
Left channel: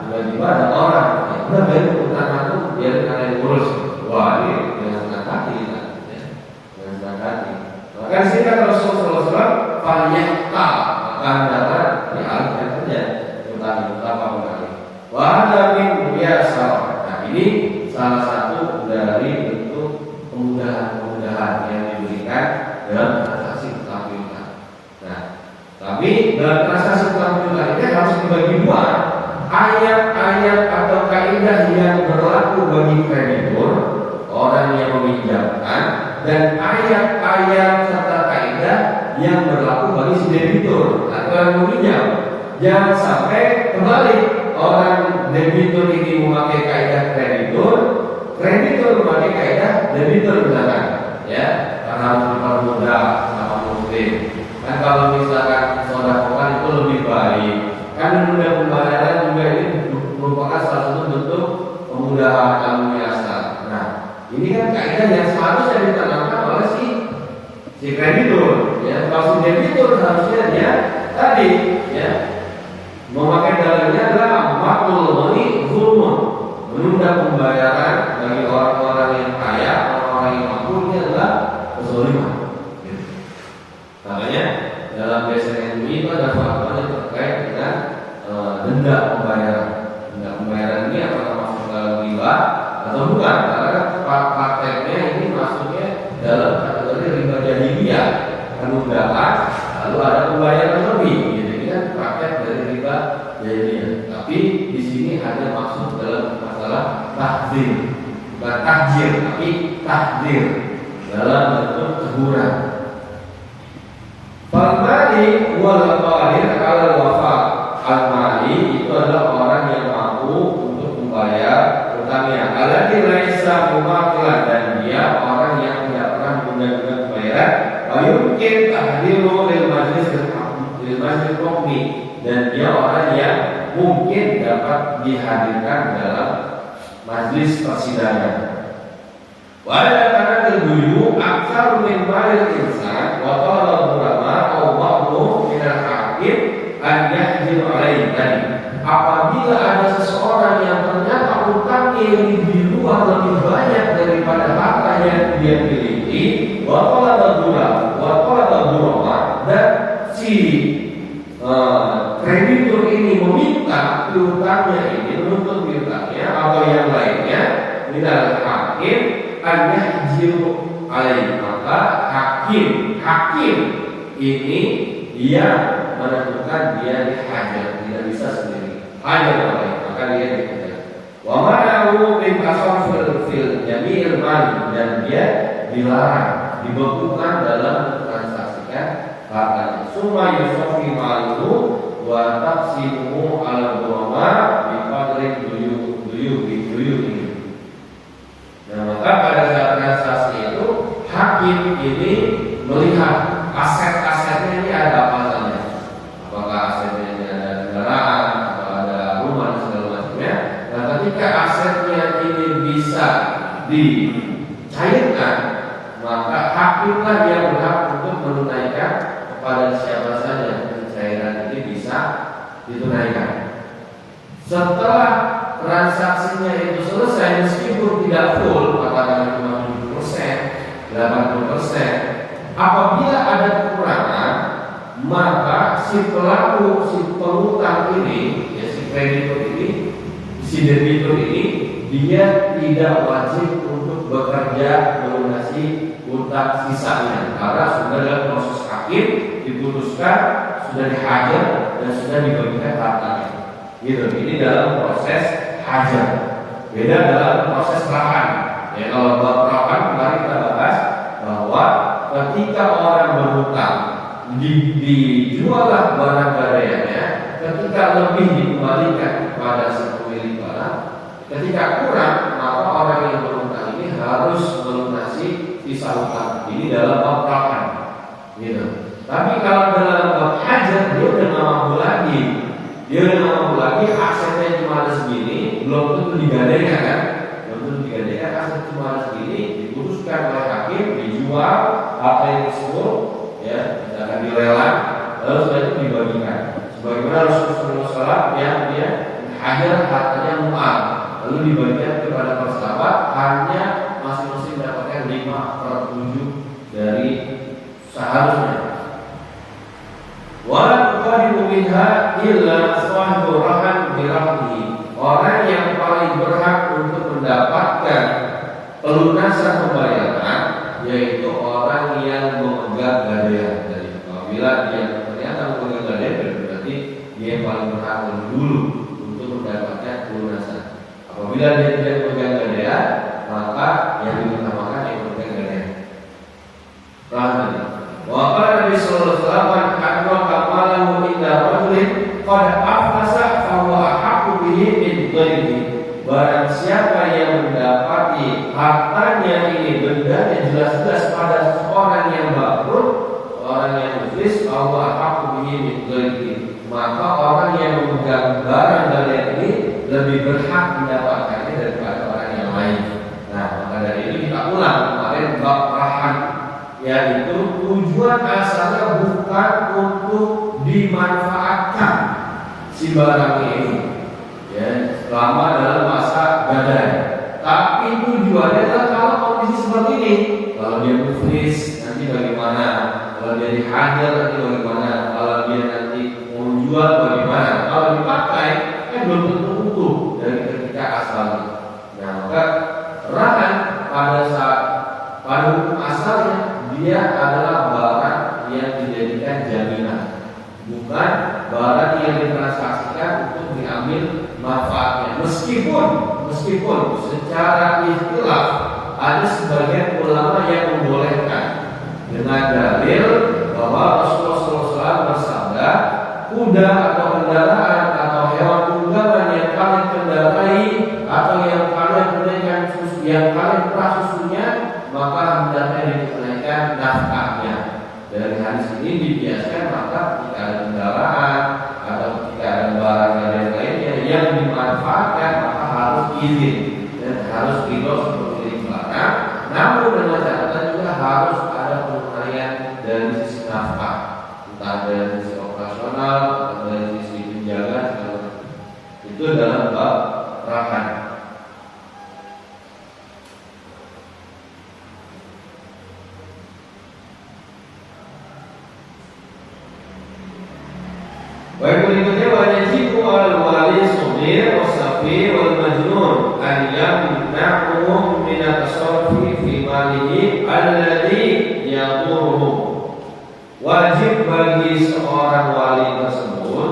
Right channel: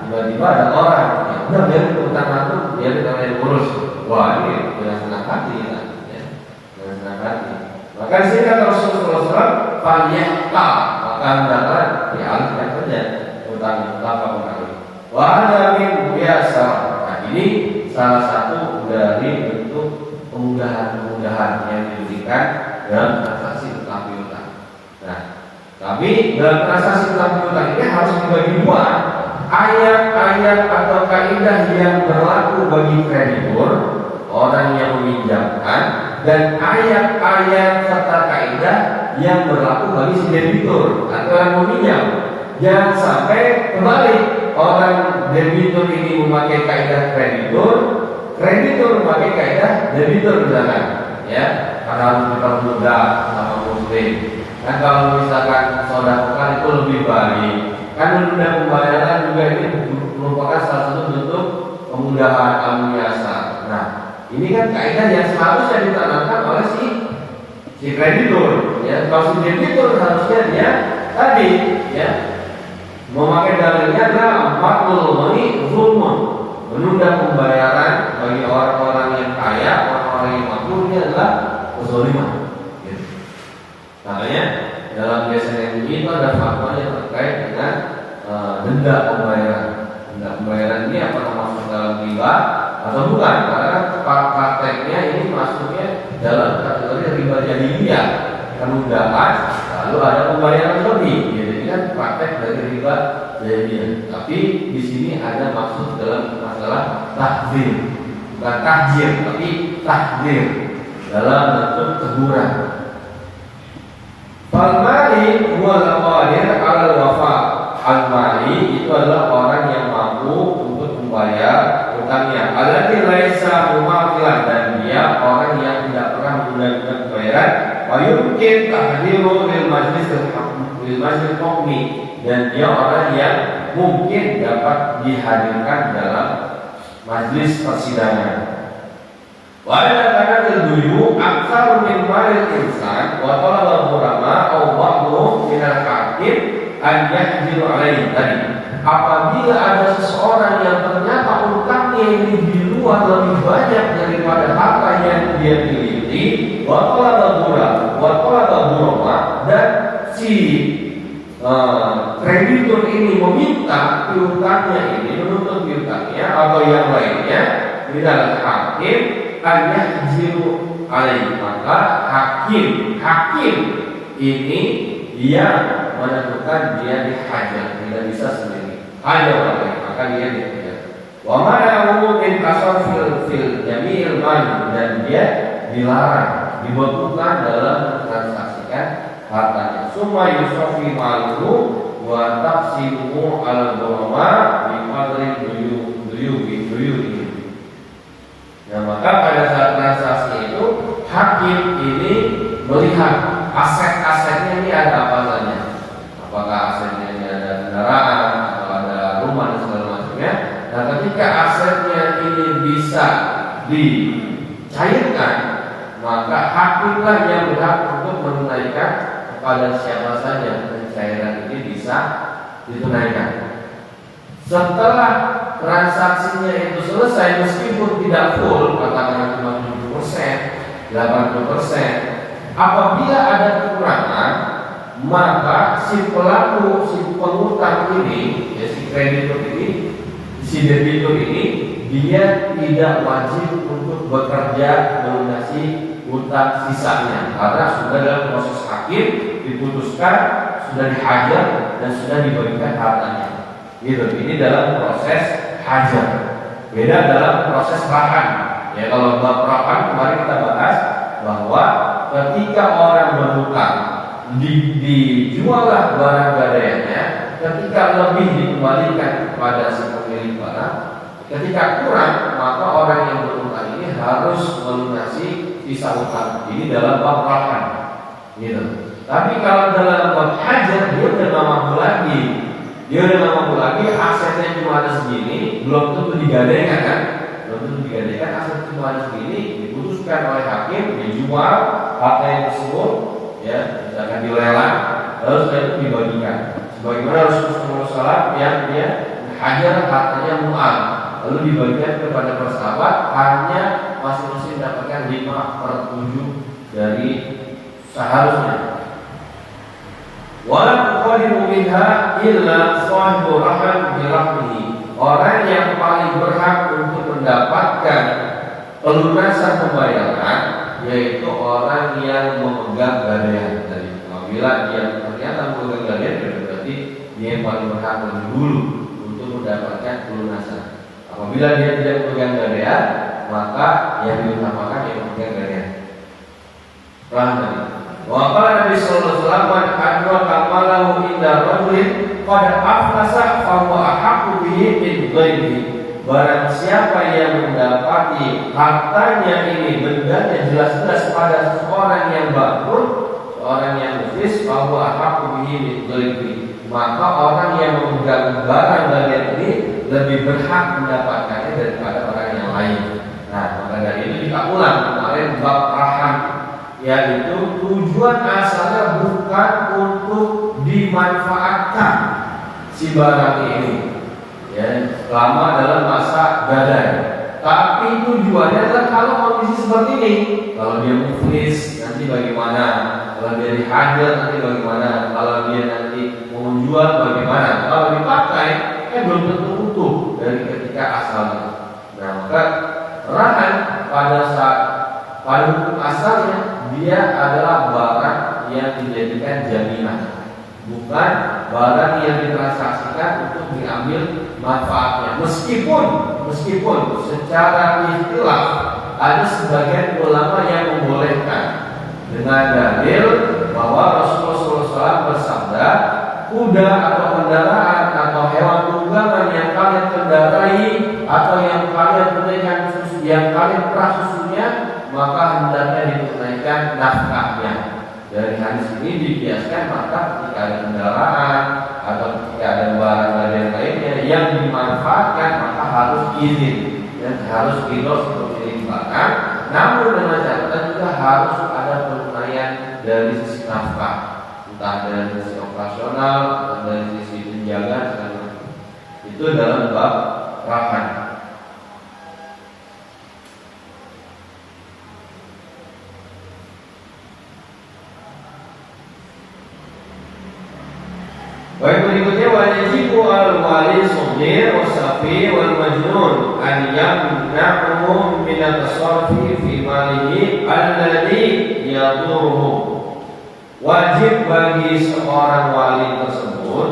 tiba-tiba ada orang yang udah biar utang itu biar karena yang ngurus. Wah, ini dengan senang hati, ya. Dengan senang hati. Maka di sini kata Rasulullah SAW, "Falyahta", maka hendaknya dialihkan saja utang kamu kali. Wahada min biasa. Nah, ini salah satu dari bentuk kemudahan-kemudahan yang diberikan dalam transaksi utang piutang. Nah, tapi dalam transaksi utang piutang ini harus dibagi dua. Ayat-ayat atau kaidah yang berlaku bagi kreditur, orang yang meminjamkan, dan ayat-ayat serta kaidah yang berlaku bagi si debitur atau yang meminjam. Jangan sampai kembali orang debitur ini memakai kaidah kreditur, kreditur memakai kaidah debitur misalkan, ya, karena harus dipermudah sama muslim. Kan kalau misalkan sedekah itu lebih baik, kan menunda pembayaran juga ini merupakan salah satu bentuk kemudahan al-muyassar. Nah, ini kan kaidah yang seharusnya ditanamkan oleh si kreditur, ya. Kalau si debitur harusnya dia tadi, ya, memakai dalilnya adalah makul dhoni zulmun, menunda pembayaran bagi orang-orang yang kaya, orang-orang yang mampu, ini adalah kezaliman. Makanya dalam biasanya ini itu ada faktor yang terkait dengan denda pembayaran. Denda pembayaran ini apakah masuk dalam riba atau bukan? Karena prakteknya ini masuknya dalam kategori riba jahiliyah, penundaan, lalu ada pembayaran lebih. Jadi kan praktek dari riba jahiliyah. Tapi di sini ada maksud dalam masalah tahdzir, bukan tahjir, tapi tahdzir dalam bentuk teguran. Al-mali wal qadir 'ala wafa. Al-mali itu adalah orang yang mampu untuk membayar utangnya. Alladzi laisa mumaqilan, dan dia orang yang tidak pernah menunda pembayaran. Wa yumkin tahdiru lil majlis hukmi, dan dia orang yang majlis persidangan. Wala kana al-buyu aktsar min malil insan wa talaba ulama aw ba'dhum min al-hakim an yahdir alaihi. Apabila ada seseorang yang ternyata utangnya lebih luas, lebih banyak daripada harta yang dia miliki, wa talaba ulama, dan si kreditur ini meminta piutangnya ini, menuntut piutangnya atau yang lainnya, bila hakim hanya jiru alaih, maka hakim ini dia menentukan dia dihajar, tidak bisa sendiri, hajar alaih, maka dia dihajar. Wa ma'ahu min tasawwur fil jamil mal, dan dia dilarang, dibekukan dalam mentransaksikan hartanya. Summa yusafi ma'ahu wa taqsimuhu al-ghurama bi qadri duyu. Nah, maka pada saat transaksi itu hakim ini melihat aset-asetnya ini ada apa saja. Apakah asetnya ini ada kendaraan atau ada rumah dan segala macamnya. Nah, ketika asetnya ini bisa dicairkan, maka hakimlah yang berhak untuk menunaikan kepada siapa saja pencairan ini bisa ditunaikan. Setelah transaksinya itu selesai, meskipun tidak full, katakan 50%, 80%, apabila ada kekurangan, maka si pelaku, si pengutang ini, ya, si kreditur ini, si debitur ini, dia tidak wajib untuk bekerja melunasi utang sisanya, karena sudah dalam proses hakim diputuskan, sudah dihajar dan sudah diberikan hartanya. Gitu. Ini dalam proses hajar. Beda dalam proses rahan. Ya, kalau dalam rahan kemarin kita bahas bahwa ketika orang berhutang dijuallah barang gadaiannya, ketika lebih dikembalikan kepada si pemilik barang, ketika kurang maka orang yang berhutang ini harus melunasi sisa hutang. Ini dalam bab rahan. Gitu. Tapi kalau dalam bab hajar dia udah nggak mampu lagi. Dia udah nggak mampu lagi, asetnya cuma ada segini, belum tentu digadaikan kan? Belum tentu digadaikan, aset cuma ada segini, diputuskan oleh hakim, dijual harta yang tersebut, ya, misalkan dilelang, lalu setelah itu dibagikan. Sebagaimana Rasulullah SAW yang dia hajar hartanya mu'al, lalu dibagikan kepada persahabat, hanya masing-masing mendapatkan 5/7 dari seharusnya. Wa qadimu minha illa sahibu rahan birahmi. Orang yang paling berhak untuk mendapatkan pelunasan pembayaran yaitu orang yang memegang gadaian. Dari apabila dia ternyata memegang gadaian, berarti dia yang paling berhak lebih dulu untuk mendapatkan pelunasan. Apabila dia tidak memegang gadaian, maka yang diutamakan yang memegang gadaian. Rahmi. Wa qala Nabi sallallahu alaihi wasallam adraka malahu inda rajulin qad aflasa fa huwa ahaqqu bihi min ghairihi. Barang siapa yang mendapati hartanya ini, bendanya jelas-jelas pada seorang yang bangkrut, seorang yang muflis, fa huwa ahaqqu bihi min ghairihi, maka orang yang memegang barang gadaian ini lebih berhak mendapatkannya daripada orang yang lain. Nah, maka dari itu kita ulang kemarin bab rahan, yaitu tujuan asalnya bukan untuk dimanfaatkan si barang ini, ya, selama dalam masa gadai. Tapi tujuannya adalah kalau kondisi seperti ini, kalau dia muflis nanti bagaimana, kalau dia dihajar nanti bagaimana, kalau dia nanti mau jual bagaimana, kalau dipakai belum tentu utuh dari ketika asalnya. Nah, maka rahan pada saat pada hukum asalnya dia adalah barang yang dijadikan jaminan, bukan barang yang ditransaksikan untuk diambil manfaatnya. Meskipun secara ikhtilaf ada sebagian ulama yang membolehkan dengan dalil bahwa Rasulullah SAW bersabda, kuda atau kendaraan atau hewan tunggangan yang kalian kendarai atau yang kalian tunaikan yang kalian perah susunya, maka hendaknya ditunaikan nafkahnya. Dari hadis ini dibiaskan maka ketika ada kendaraan atau ketika ada barang lain lainnya yang dimanfaatkan maka harus izin dan harus ridho pemilik barang, namun dengan catatan juga harus ada penilaian dari sisi nafkah, entah dari sisi operasional atau dari sisi penjagaan. Itu dalam bab rahan. Baik, berikutnya wajibu al-wali sugir wasafi wal majnun an yamna'uhu min at-tasarrufi fi malihi alladhi yadurruhu. Wajib bagi seorang wali tersebut,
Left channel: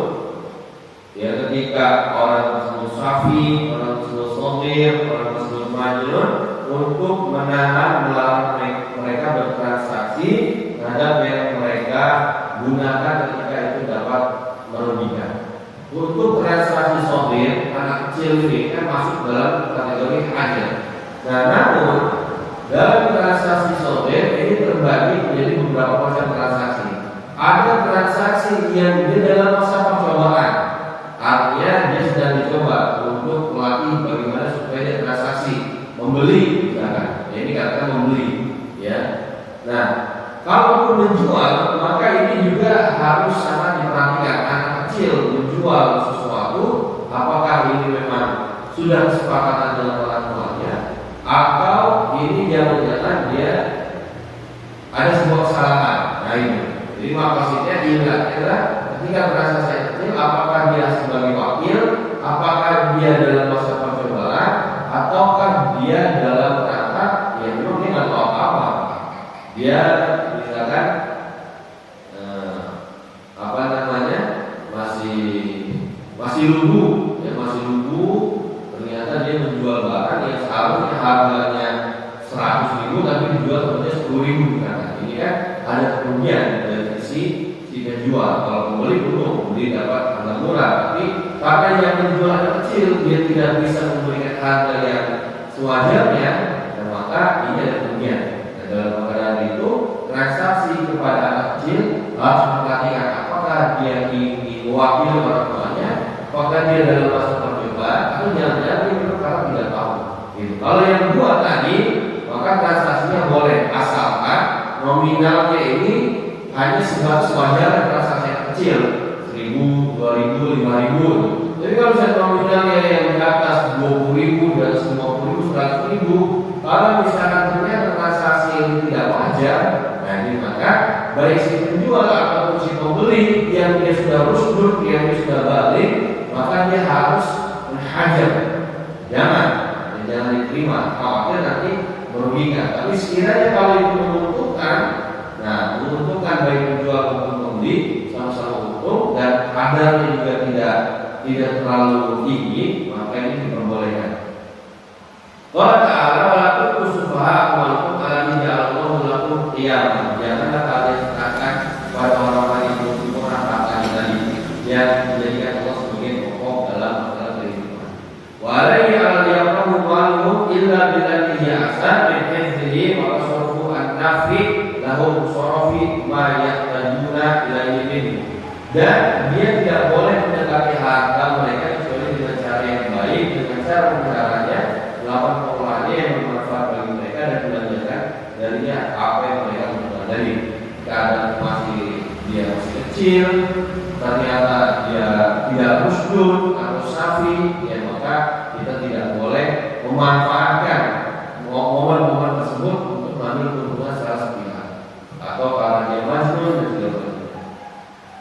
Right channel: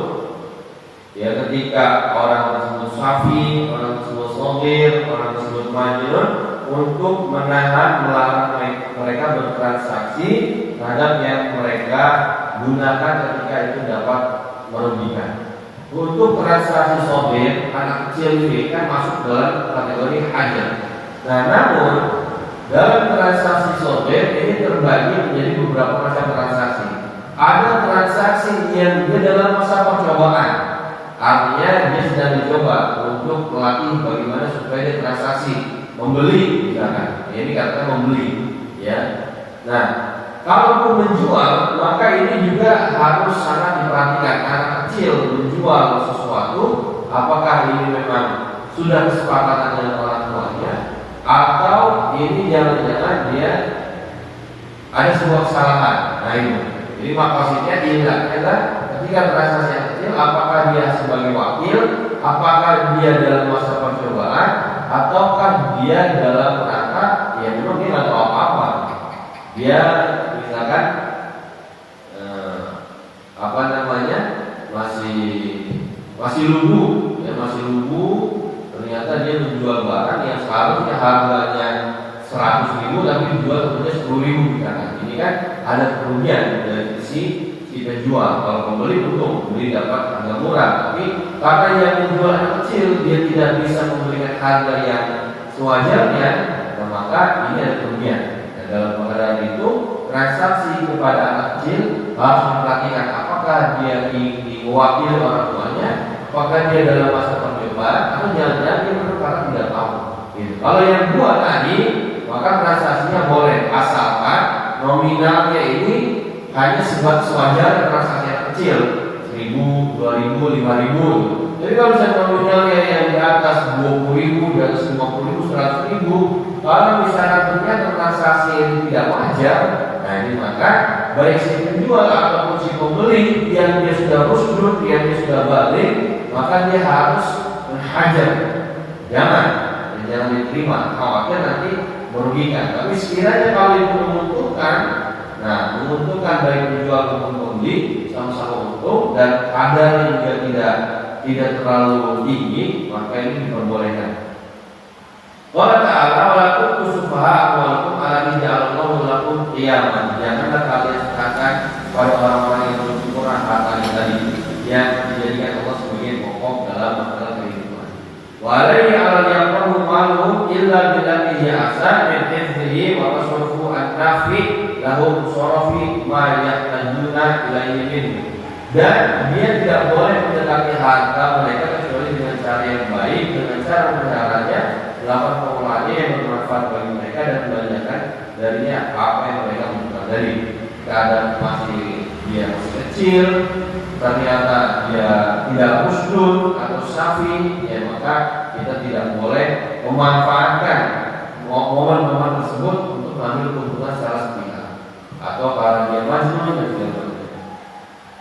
ya, ketika orang tersebut safi, orang tersebut sugir, orang tersebut majnun, untuk menahan, melarang mereka bertransaksi terhadap yang mereka gunakan ketika itu dapat merugikan. Untuk transaksi sogir, anak kecil ini kan masuk dalam kategori hajar. Nah, namun dalam transaksi sogir ini terbagi menjadi beberapa macam transaksi. Ada transaksi yang dia dalam masa percobaan, artinya dia sedang dicoba untuk melatih bagaimana supaya dia transaksi membeli, misalkan. Ini kata membeli, ya. Nah, kalau menjual, maka ini juga harus sangat diperhatikan. Anak kecil menjual sesuatu, apakah ini memang sudah kesepakatan dengan orang tuanya, atau ini jangan-jangan dia ada sebuah kesalahan. Nah, ini. Jadi maksudnya adalah ketika transaksi yang kecil, apakah dia sebagai wakil, apakah dia dalam masa percobaan, ataukah dia dalam rangka ya memang dia nggak tahu apa-apa. Dia misalkan masih lugu, ya, masih lugu. Ternyata dia menjual barang yang seharusnya harganya 100.000 tapi dijual sebenarnya 10.000 kan. Ini kan ada kerugian dari si penjual. Kalau pembeli untung, pembeli dapat harga murah, tapi karena yang menjual yang kecil dia tidak bisa memberikan harga yang sewajarnya, maka ini ada kerugian. Nah, dalam keadaan itu transaksi kepada anak kecil harus memperhatikan apakah dia diwakili orang tuanya, apakah dia dalam masa percobaan, atau jangan-jangan dia berkata tidak tahu. Gitu. Kalau yang dua tadi, maka transaksinya boleh, asalkan nominalnya ini hanya sewajarnya transaksi yang kecil, 1.000, 2.000, 5.000. Tapi kalau saya nominalnya yang di atas 20.000, di atas 50.000, 100.000, kalau misalnya ternyata transaksi ini tidak wajar, nah ini maka baik si penjual ataupun si pembeli yang dia sudah rusdur, yang dia sudah balik, maka dia harus menghajar. Jangan diterima, khawatir nanti merugikan. Tapi sekiranya kalau itu menguntungkan, nah menguntungkan baik penjual maupun pembeli sama-sama untung dan kadarnya juga tidak terlalu tinggi, maka ini diperbolehkan. Allah Ta'ala walakum kusufaha walakum alami ja'alallahu lakum qiyaman. Janganlah kalian katakan pada orang-orang yang bersyukur hartanya tadi yang dijadikan Allah sebagai pokok dalam masalah kehidupan. Wa alayhi al-yaqamu maluhu illa billati hiya ahsan min hifdzihi wa tasarrufu an-nafi lahu musarafi ma yahtajuna ilaihi minhu. Dan dia tidak boleh mendekati harta mereka kecuali dengan cara yang baik, dengan cara memeliharanya, melakukan pengelolaannya yang bermanfaat bagi mereka dan belanjakan darinya apa yang mereka butuhkan. Dari keadaan dia masih kecil, ternyata dia tidak rusdun atau safi, ya maka kita tidak boleh memanfaatkan momen-momen tersebut untuk mengambil keuntungan secara sepihak, atau karena dia majnun dan tidak boleh.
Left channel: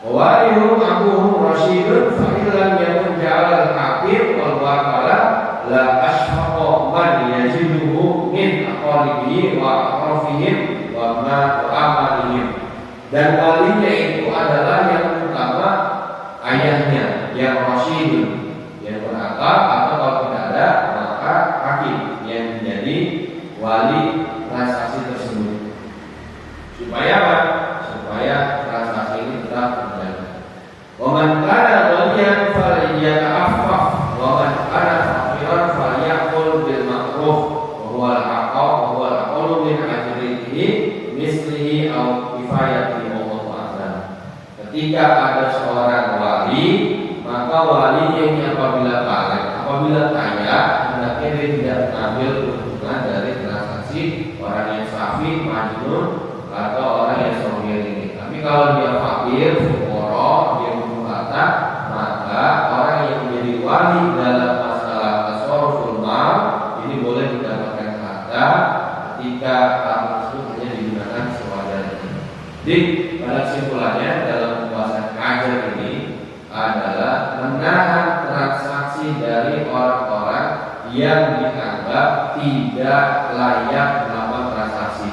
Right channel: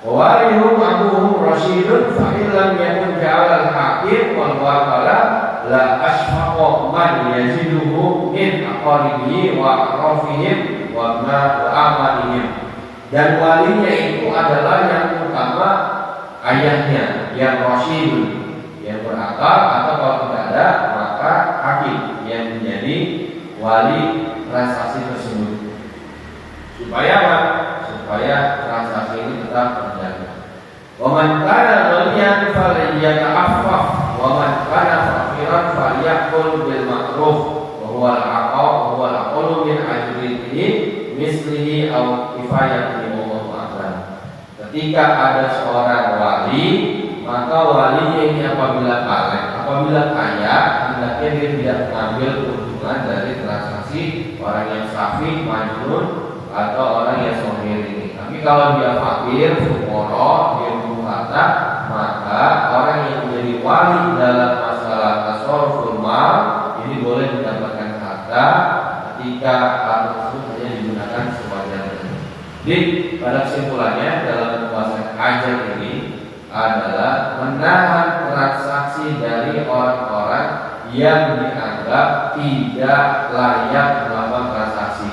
Warihu abuhum rasyidun fa'ilam yakun ja'al al-hakim wal wakala la ashfaqo man yajiduhu min aqaribihi wa aqrafihim wa amalihim. Dan walinya itu adalah yang pertama ayahnya yang rasyidun, yang berakal, atau kalau tidak ada maka hakim yang menjadi wali transaksi tersebut. Supaya apa? Supaya transaksi ini tetap terjaga. Wa man kana ghaniyan falyata'affaf wa man kana faqiran falyaqul bil ma'ruf wa huwa al-aqwa wa huwa al-aqlu min ajrihi mislihi aw kifayati wallahu a'lam. Ketika ada seorang wali, maka walinya ini apabila kaya, hendaknya hendaknya dia tidak mengambil keuntungan dari transaksi orang yang safi, majnun, atau orang yang somir ini. Tapi kalau dia fakir, fukara, dia butuh harta, maka orang yang menjadi wali dalam masalah tasarruful mal ini boleh mendapatkan harta ketika harta tersebut hanya digunakan sewajarnya. Jadi pada kesimpulannya dalam pembahasan ajar ini adalah menahan transaksi dari orang-orang yang dianggap tidak layak melakukan transaksi.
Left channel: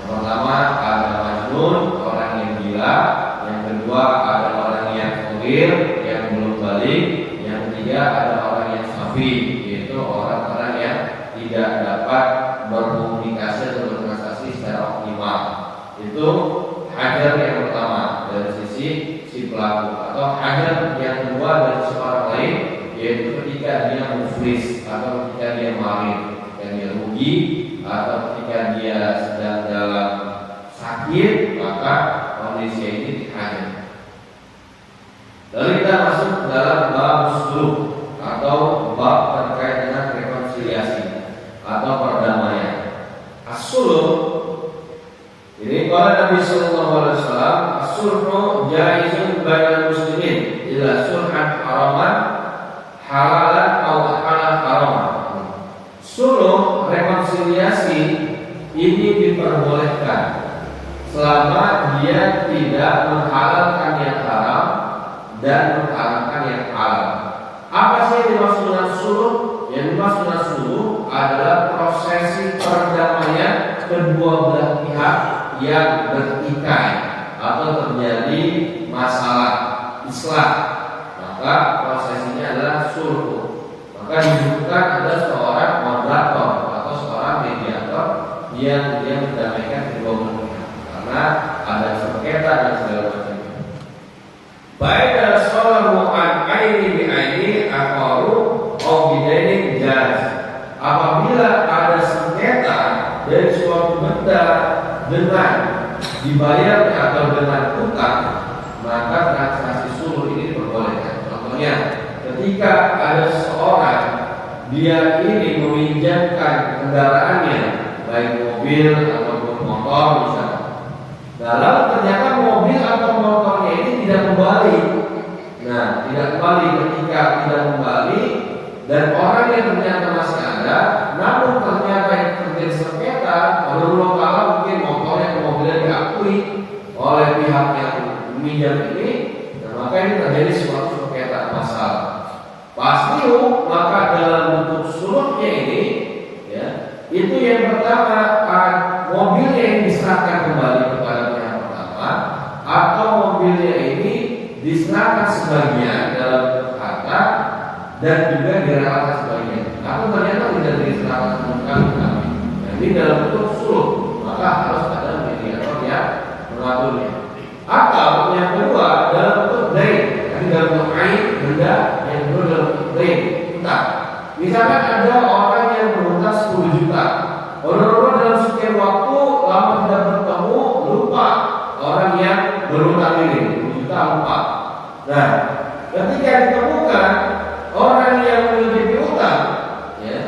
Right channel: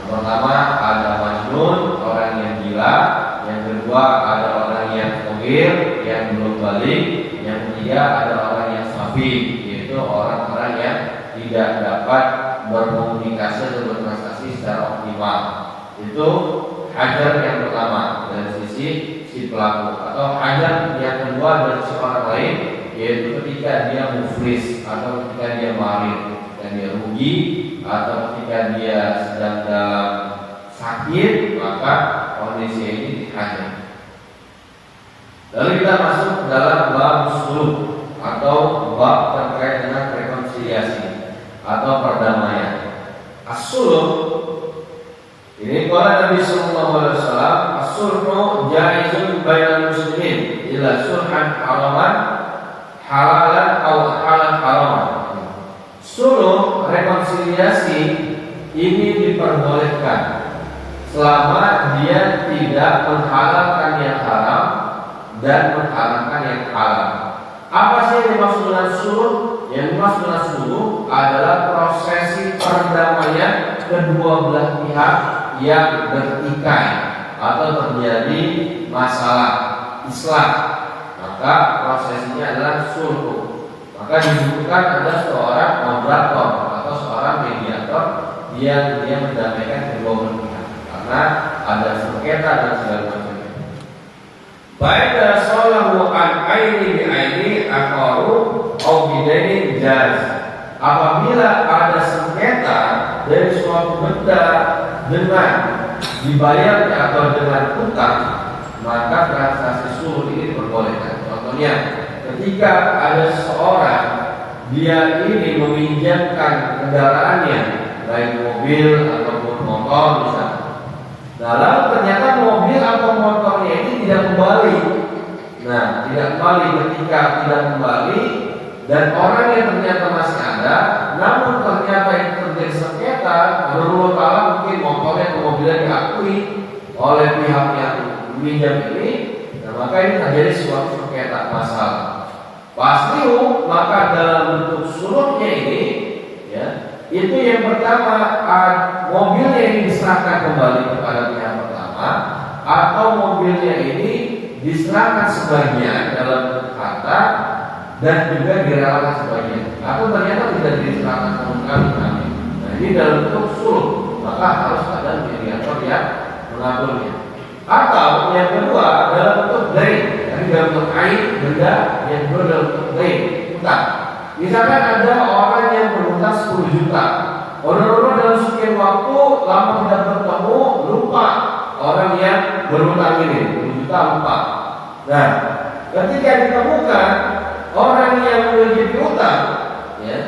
Yang pertama ada majnun, orang yang gila. Yang kedua ada orang yang fogir, yang belum balik. Yang ketiga ada orang yang safi, yaitu orang-orang yang tidak dapat berkomunikasi atau bertransaksi secara optimal. Itu hajar yang pertama dari sisi si pelaku, atau hajar yang kedua dari sisi orang lain, yaitu ketika dia muflis atau ketika dia marid, ketika dia rugi atau ketika dia sedang dalam sakit, maka kondisi ini dihajar. Lalu kita masuk dalam bab sulh atau bab terkait dengan rekonsiliasi atau perdamaian. As-sulh ini kalau Nabi Sallallahu Alaihi Wasallam, as-sulhu jaizun bainal muslimin ila sulhan haraman halalan atau halal haram. Sulh rekonsiliasi ini diperbolehkan selama dia tidak menghalalkan yang haram dan menghalalkan yang halal. Apa sih yang dimaksud dengan sulh? Yang dimaksud dengan sulh adalah prosesi perdamaian kedua belah pihak yang bertikai atau terjadi masalah islah, maka prosesnya adalah sulh. Maka dibutuhkan ada seorang moderator atau seorang mediator yang dia mendamaikan kedua belah pihak karena ada sengketa dan segala macamnya. Baik salahu an aini bi aini aqaru au bidaini jaz. Apabila ada sengketa dari suatu benda dengan dibayar atau dengan utang, maka transaksi sulh ini diperbolehkan. Contohnya, ketika ada seorang dia ini meminjamkan kendaraannya, baik mobil ataupun motor misalnya. Nah, lalu ternyata mobil atau motornya ini tidak kembali. Nah, tidak kembali. Ketika tidak kembali dan orang yang ternyata masih ada, namun ternyata yang terjadi sengketa berulang kali, mungkin motornya atau mobilnya diakui oleh pihak yang meminjam ini, nah maka ini terjadi suatu sengketa masalah. Pasti maka dalam bentuk sulhnya ini, ya, itu yang pertama mobilnya ini diserahkan kembali kepada pihak pertama, atau mobilnya ini diserahkan sebagian dalam bentuk harta dan juga direlakan sebagian, atau ternyata tidak diserahkan sama sekali. Nah, ini dalam bentuk sulh, maka harus ada mediator yang mengaturnya. Atau yang kedua dalam bentuk dain, tadi dalam bentuk ain, benda, yang kedua dalam bentuk dain, utang. Misalkan ada orang yang berutang 10 juta, orang-orang dalam sekian waktu lama tidak bertemu, lupa orang yang berutang ini 10 juta lupa. Nah, ketika ditemukan orang yang memiliki utang, ya,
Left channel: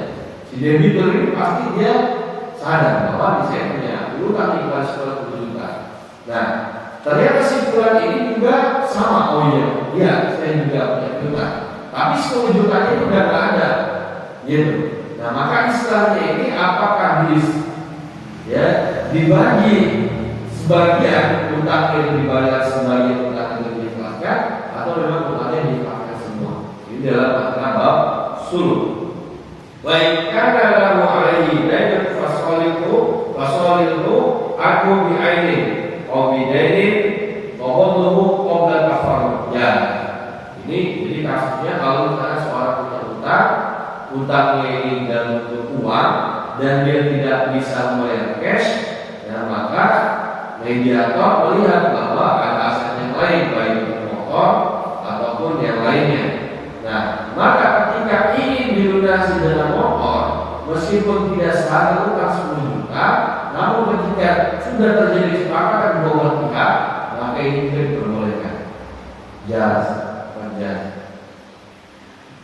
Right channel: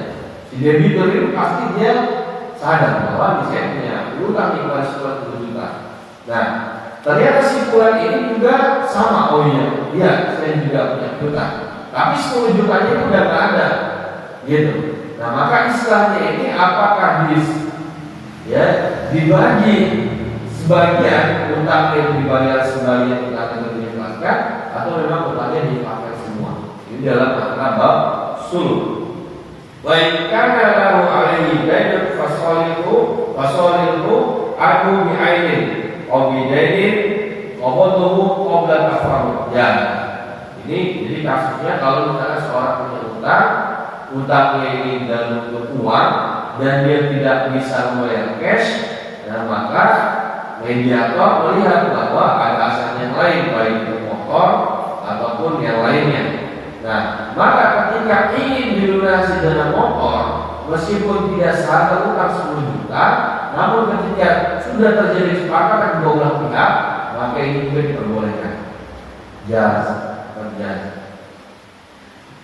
si debitur ini pasti dia sadar bahwa saya punya utang yang baru 10 juta. Nah, ternyata simpulan ini juga sama. Oh iya, saya juga punya utang. Tapi 10 jutanya itu udah nggak ada, gitu. Nah, maka istilahnya ini apakah dibagi sebagian utang yang dibayar, sebagian utang yang diikhlaskan, atau memang utangnya dipakai semua. Ini dalam makna bab sulh. Baik, karena lahu alaihi dainun fasalihu aku bi ainin au bi dainin qabatuhu qabla tafarruq. Ya. Ini jadi kasusnya kalau misalnya seorang punya utang, utangnya ini dalam bentuk uang dan dia tidak bisa membayar cash, dan maka mediator melihat bahwa ada aset yang lain, baik motor ataupun yang lainnya. Nah, maka ketika ingin dilunasi dengan motor, meskipun tidak seharga utang 10 juta, namun ketika sudah terjadi kesepakatan di dua belah pihak, maka ini juga diperbolehkan. Jaz, berjaz.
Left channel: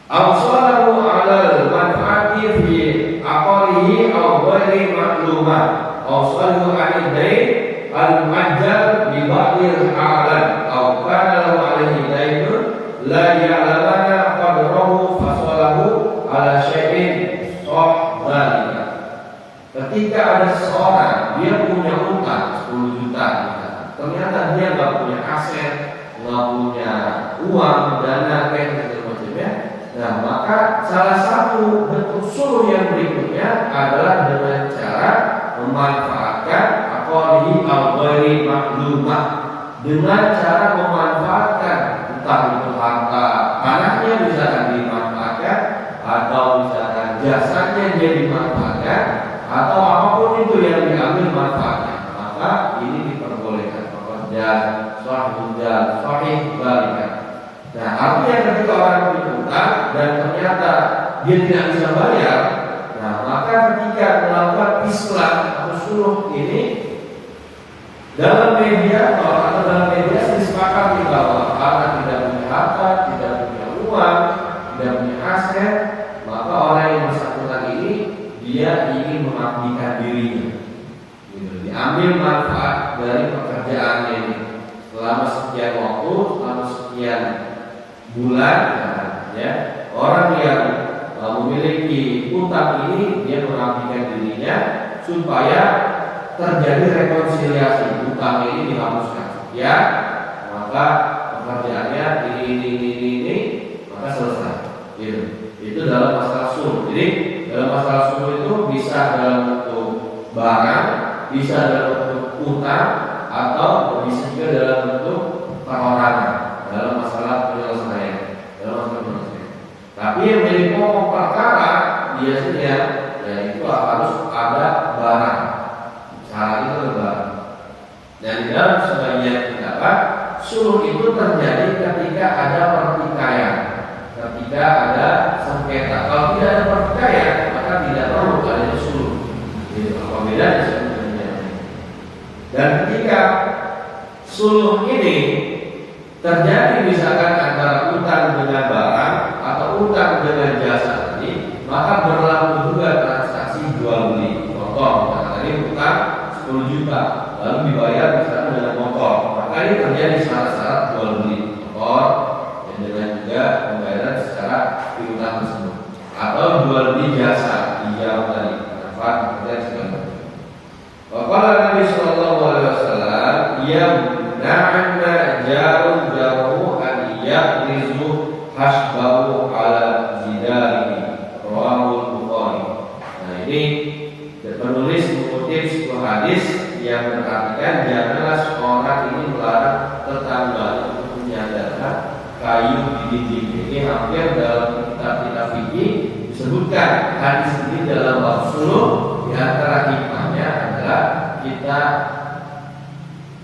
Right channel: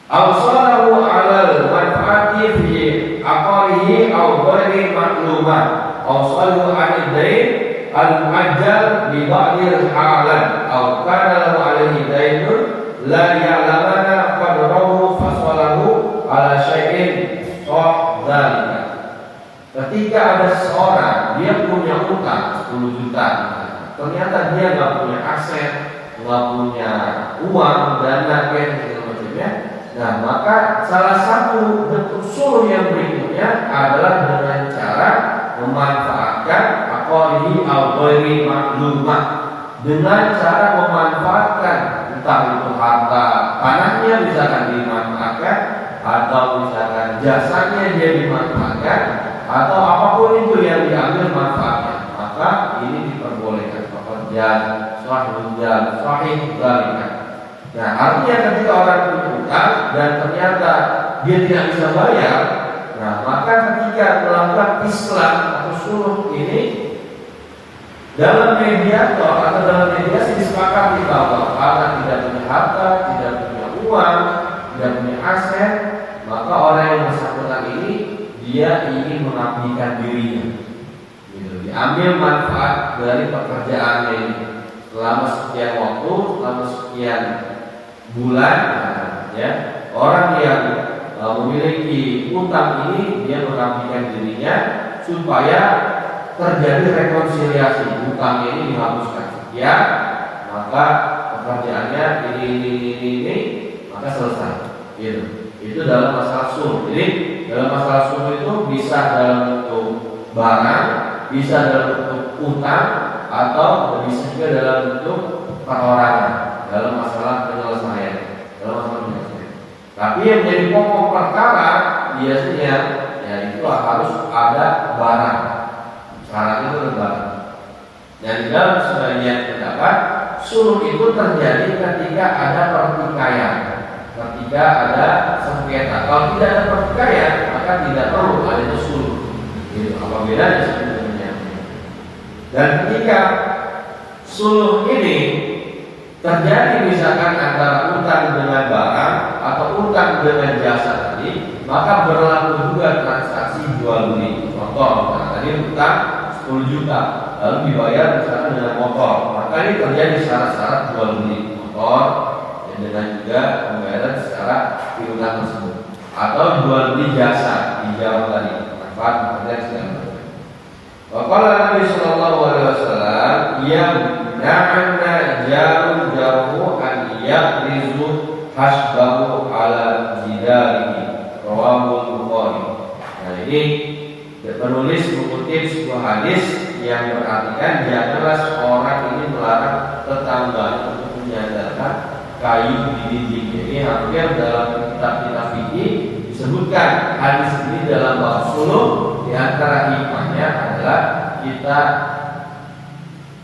Awsalahu alal manfaati fi maklumah awsalu al-dain al-majal bi ba'dil halan aw kana lahu alaihi dainun la ya'lamana qadrahu fasalahu ala syai'in dzalika. Ketika ada seorang dia punya utang 10 juta, ternyata dia nggak punya aset, nggak punya uang, dana kayak gitu macamnya. Nah, maka salah satu bentuk suluh yang berikutnya adalah dengan cara memanfaatkan aqalihi al-ghairi maklumah, dengan cara memanfaatkan entah itu harta tanahnya misalkan dimanfaatkan, atau misalkan jasanya dia dimanfaatkan, atau apapun itu yang diambil manfaatnya, maka ini diperbolehkan. Pekerja sahih dzalika. Nah, artinya ketika orang punya utang dan ternyata dia tidak bisa bayar, nah maka ketika melakukan islah atau suluh ini dalam mediator atau dalam mediasi disepakati bahwa karena tidak punya harta, tidak punya uang, tidak punya aset, maka orang yang bersangkutan ini dia ingin mengabdikan dirinya, gitu. Diambil manfaat dari pekerjaannya ini selama sekian waktu, selama sekian bulan, ya. Orang yang memiliki utang ini dia mengabdikan dirinya supaya terjadi rekonsiliasi, utang ini dihapuskan sekian, maka pekerjaannya ini maka selesai. Gitu. Itu dalam masalah suluh. Jadi dalam masalah suluh itu bisa dalam bentuk barang, bisa dalam bentuk utang, atau bisa juga dalam bentuk perorangan dalam masalah penyelesaian. Tapi yang menjadi pokok perkara biasanya ya itu harus ada barang. Syarat itu barang. Dan dalam sebagian pendapat suluh itu terjadi ketika ada pertikaian, ketika ada sengketa. Kalau tidak ada pertikaian maka tidak perlu ada suluh. Itu apa bedanya sebenarnya? Dan ketika suluh ini terjadi misalkan antara utang dengan barang atau utang dengan jasa tadi, maka berlaku juga transaksi jual beli. Contoh, tadi utang 10 juta lalu dibayar misalkan dengan motor, maka ini terjadi syarat-syarat jual beli motor dan dengan juga pembayaran secara piutang tersebut, atau jual beli jasa hijau tadi, manfaat pekerjaan segala macam. Waqala Nabi sallallahu alaihi wasallam yamna'anna jaru an yaqrizu hasbahu ala jidarihi, rawahul Bukhari. Nah, ini penulis mengutip sebuah hadis yang berartikan janganlah seorang ini melarang tetangga untuk menyadarkan kayu di dinding. Jadi hampir dalam kitab-kitab fikih disebutkan hadis ini dalam bab suluh. Di antara hikmahnya adalah kita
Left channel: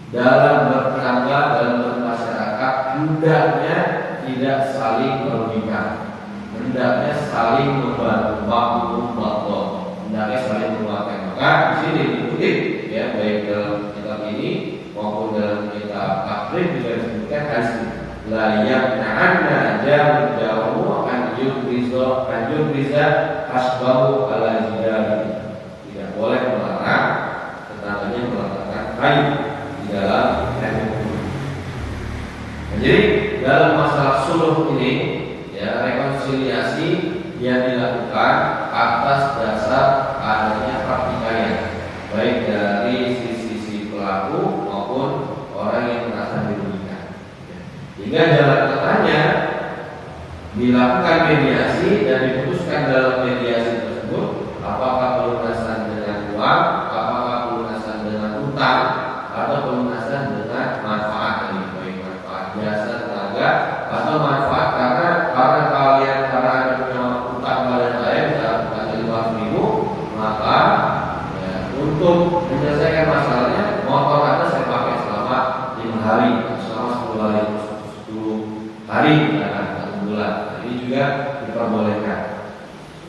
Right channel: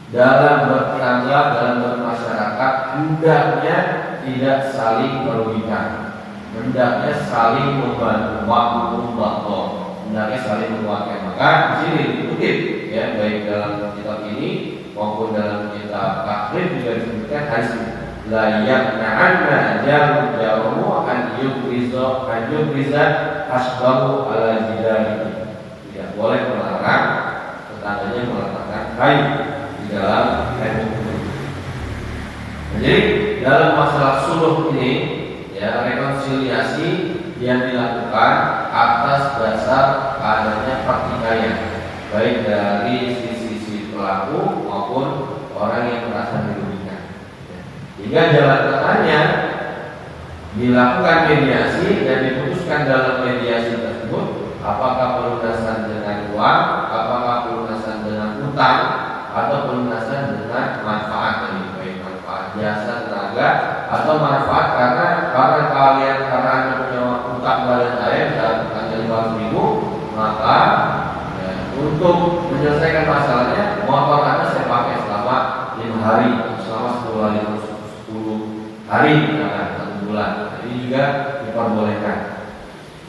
dalam bertetangga, dalam bermasyarakat hendaknya tidak saling merugikan, hendaknya saling membantu, hendaknya saling menguatkan. Maka di sini dikutip ya, baik dalam kitab ini maupun dalam kitab takrib juga disebutkan hadis ini. La yaqna'anna jaru an yukriza hasbahu ala jidari. Tidak boleh melarang tetangganya meletakkan kayu di dalam kayu. Jadi dalam masalah suluh ini ya, rekonsiliasi yang dilakukan atas dasar adanya pertikaian, baik dari sisi pelaku maupun orang yang merasa dirugikan. Jika jalan tengahnya dilakukan mediasi dan diputuskan dalam mediasi tersebut, apakah pelunasan dengan uang, apakah pelunasan dengan utang, atau pelunasan dengan manfaat dari baik manfaat jasa tenaga atau manfaat karena kalian karena anda punya utang pada saya misalnya 500.000, maka ya, untuk menyelesaikan masalahnya motor anda saya pakai selama 5 hari, selama 10 hari, misalkan 1 bulan. Ini juga diperbolehkan.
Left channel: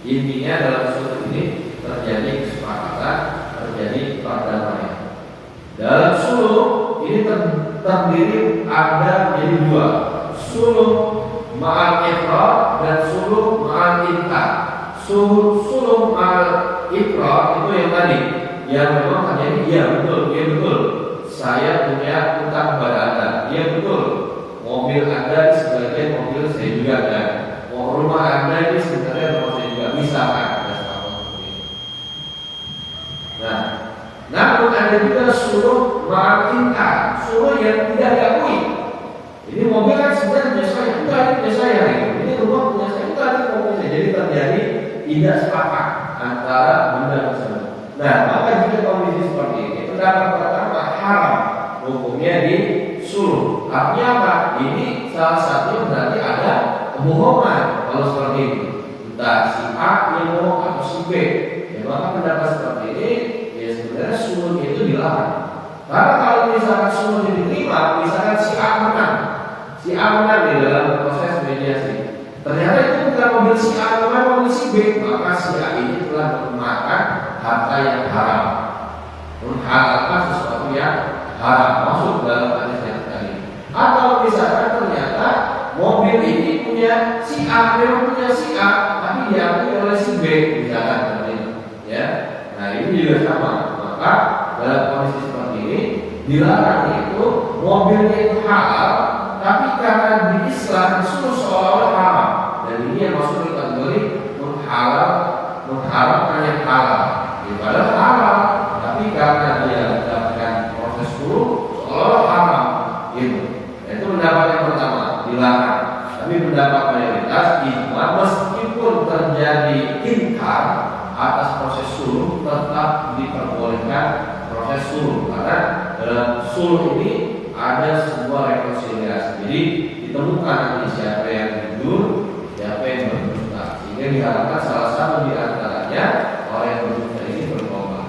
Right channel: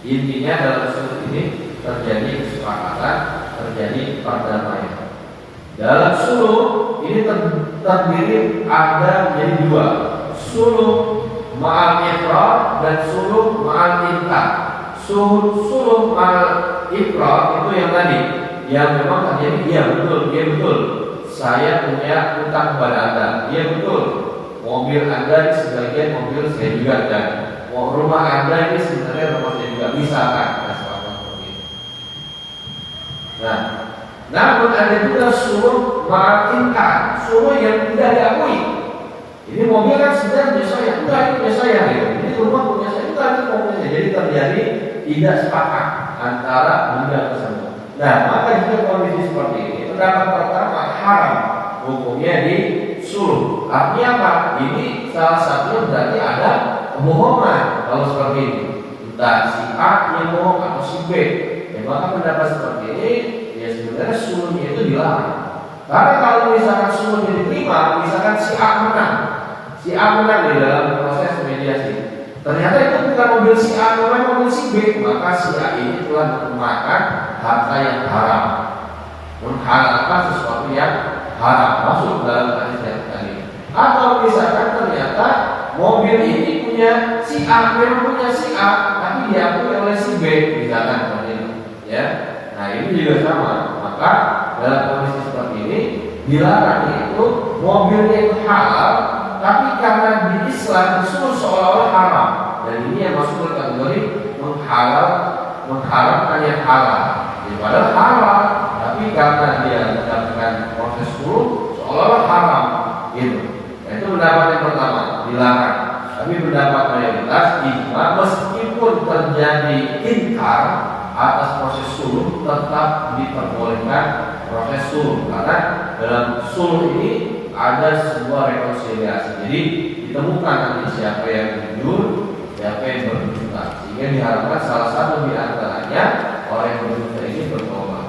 Intinya dalam suluh ini terjadi kesepakatan, terjadi perdamaian. Dalam suluh ini terdiri ada menjadi 2, suluh ma'al ifrad dan suluh ma'al inqad. Suluh ma'al ifrad itu yang tadi yang memang terjadi, iya betul, saya punya utang kepada Anda, iya betul, mobil Anda di sebagian mobil saya juga ada, rumah Anda ini sebenarnya rumah saya juga, bisa kan? Nah, namun ada juga suruh meyakinkan, suruh yang tidak diakui. Ini mobil kan sebenarnya punya saya, enggak ini punya saya, ini rumah punya saya, enggak ini mobilnya. Jadi terjadi tidak sepakat antara benda tersebut. Nah, maka jika kondisi seperti ini, pendapat pertama haram, hukumnya disuruh. Artinya apa? Ini salah satu berarti ada kebohongan kalau seperti ini. Entah si A yang bohong atau si B. Ya, maka pendapat seperti ini ya sebenarnya suruhnya itu dilarang. Karena kalau misalkan suruhnya diterima, misalkan si A menang di dalam proses mediasi, ternyata itu bukan mobil si A, bukan mobil si B, maka si A ini telah memakan harta yang haram, menghalalkan sesuatu yang haram, masuk dalam hadis yang tadi. Atau misalkan ternyata mobil ini punya si A, memang punya si A, tapi diakui oleh si B, misalkan seperti itu, ya. Nah ini juga sama, maka dalam kondisi seperti ini dilarang itu mobilnya itu halal, tapi karena di Islam disuruh seolah-olah haram, dan ini yang masuk ke kategori mengharamkan yang halal. Padahal halal, tapi karena dia mendapatkan proses dulu seolah-olah haram, gitu. Itu pendapat yang pertama, dilarang. Tapi pendapat mayoritas ijma, meskipun terjadi inkar atas proses sulh, tetap diperbolehkan proses sulh, karena dalam sulh ini ada sebuah rekonsiliasi. Jadi ditemukan nanti siapa yang jujur, siapa yang berdusta, sehingga diharapkan salah satu di antaranya orang yang berdusta ini bertobat.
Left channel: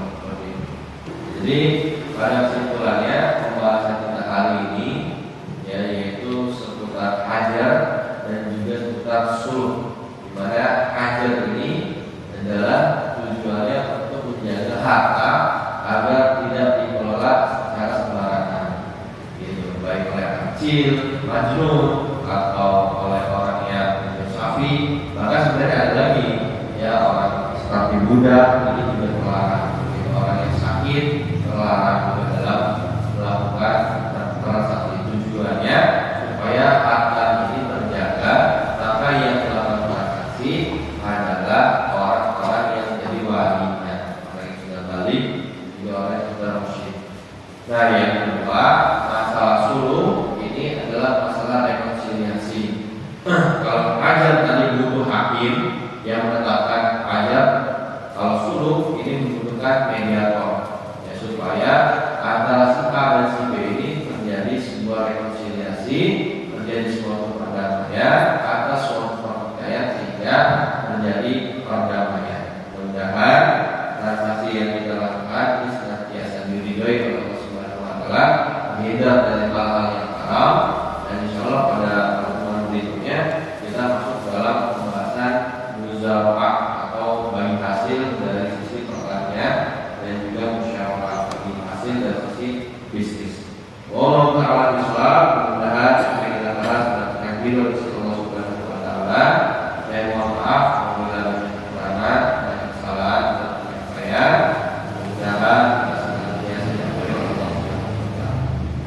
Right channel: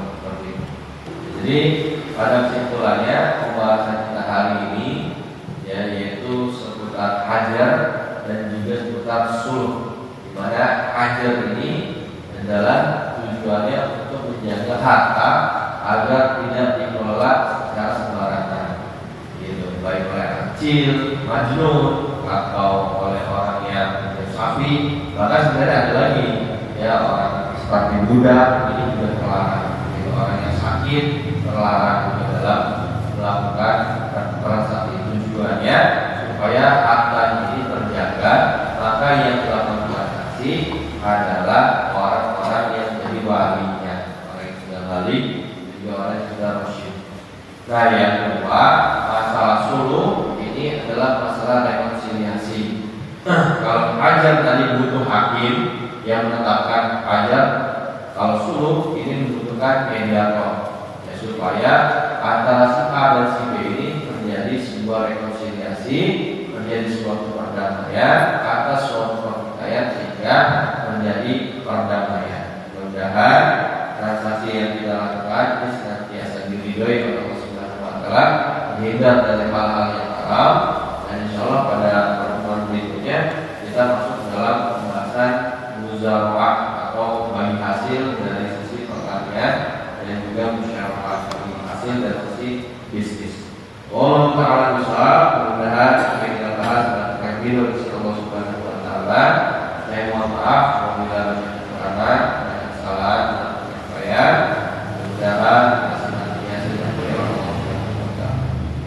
Jadi pada kesimpulannya pembahasan kita hari ini ya, yaitu seputar hajar dan juga seputar sulh, di mana hajar ini adalah tujuannya untuk menjaga harta agar tidak dikelola secara sembarangan, gitu, baik oleh kecil, majnun, atau oleh orang yang safi. Bahkan sebenarnya ada lagi ya, orang seperti budak ini juga terlarang, gitu. Orang yang sakit terlarang dalam melakukan transaksi. Tujuannya supaya harta ini terjaga, maka yang telah transaksi adalah orang-orang yang jadi walinya, orang yang sudah balik, juga orang yang sudah rasyid. Nah yang kedua, masalah sulh ini adalah masalah rekonsiliasi. Kalau hajar tadi butuh hakim yang menetapkan hajar, kalau sulh ini membutuhkan mediator, ya, supaya antara si A dan si B ini terjadi sebuah rekonsiliasi, terjadi suatu perdamaian atas suatu pertikaian, sehingga terjadi perdamaian. Mudah-mudahan transaksi yang kita lakukan ini senantiasa diridhoi oleh Allah Subhanahu wa taala, terhindar dari hal-hal yang haram, dan insyaallah pada pertemuan berikutnya kita masuk dalam pembahasan musyawarah atau bagi hasil dari sisi pertanian, dan juga musyawarah bagi hasil dari sisi bisnis. Wallahu ta'ala bishawab. Mudah-mudahan apa yang kita bahas dan video dari Allah Subhanahu wa taala. Saya mohon maaf apabila ada kekurangan dan kesalahan dan penyampaian. Mudah-mudahan kita senantiasa diberkahi Allah.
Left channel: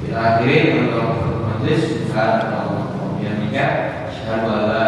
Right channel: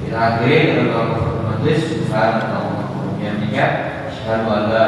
Kita akhiri dengan majlis subhanallah wa bihamdihi, asyhadu an la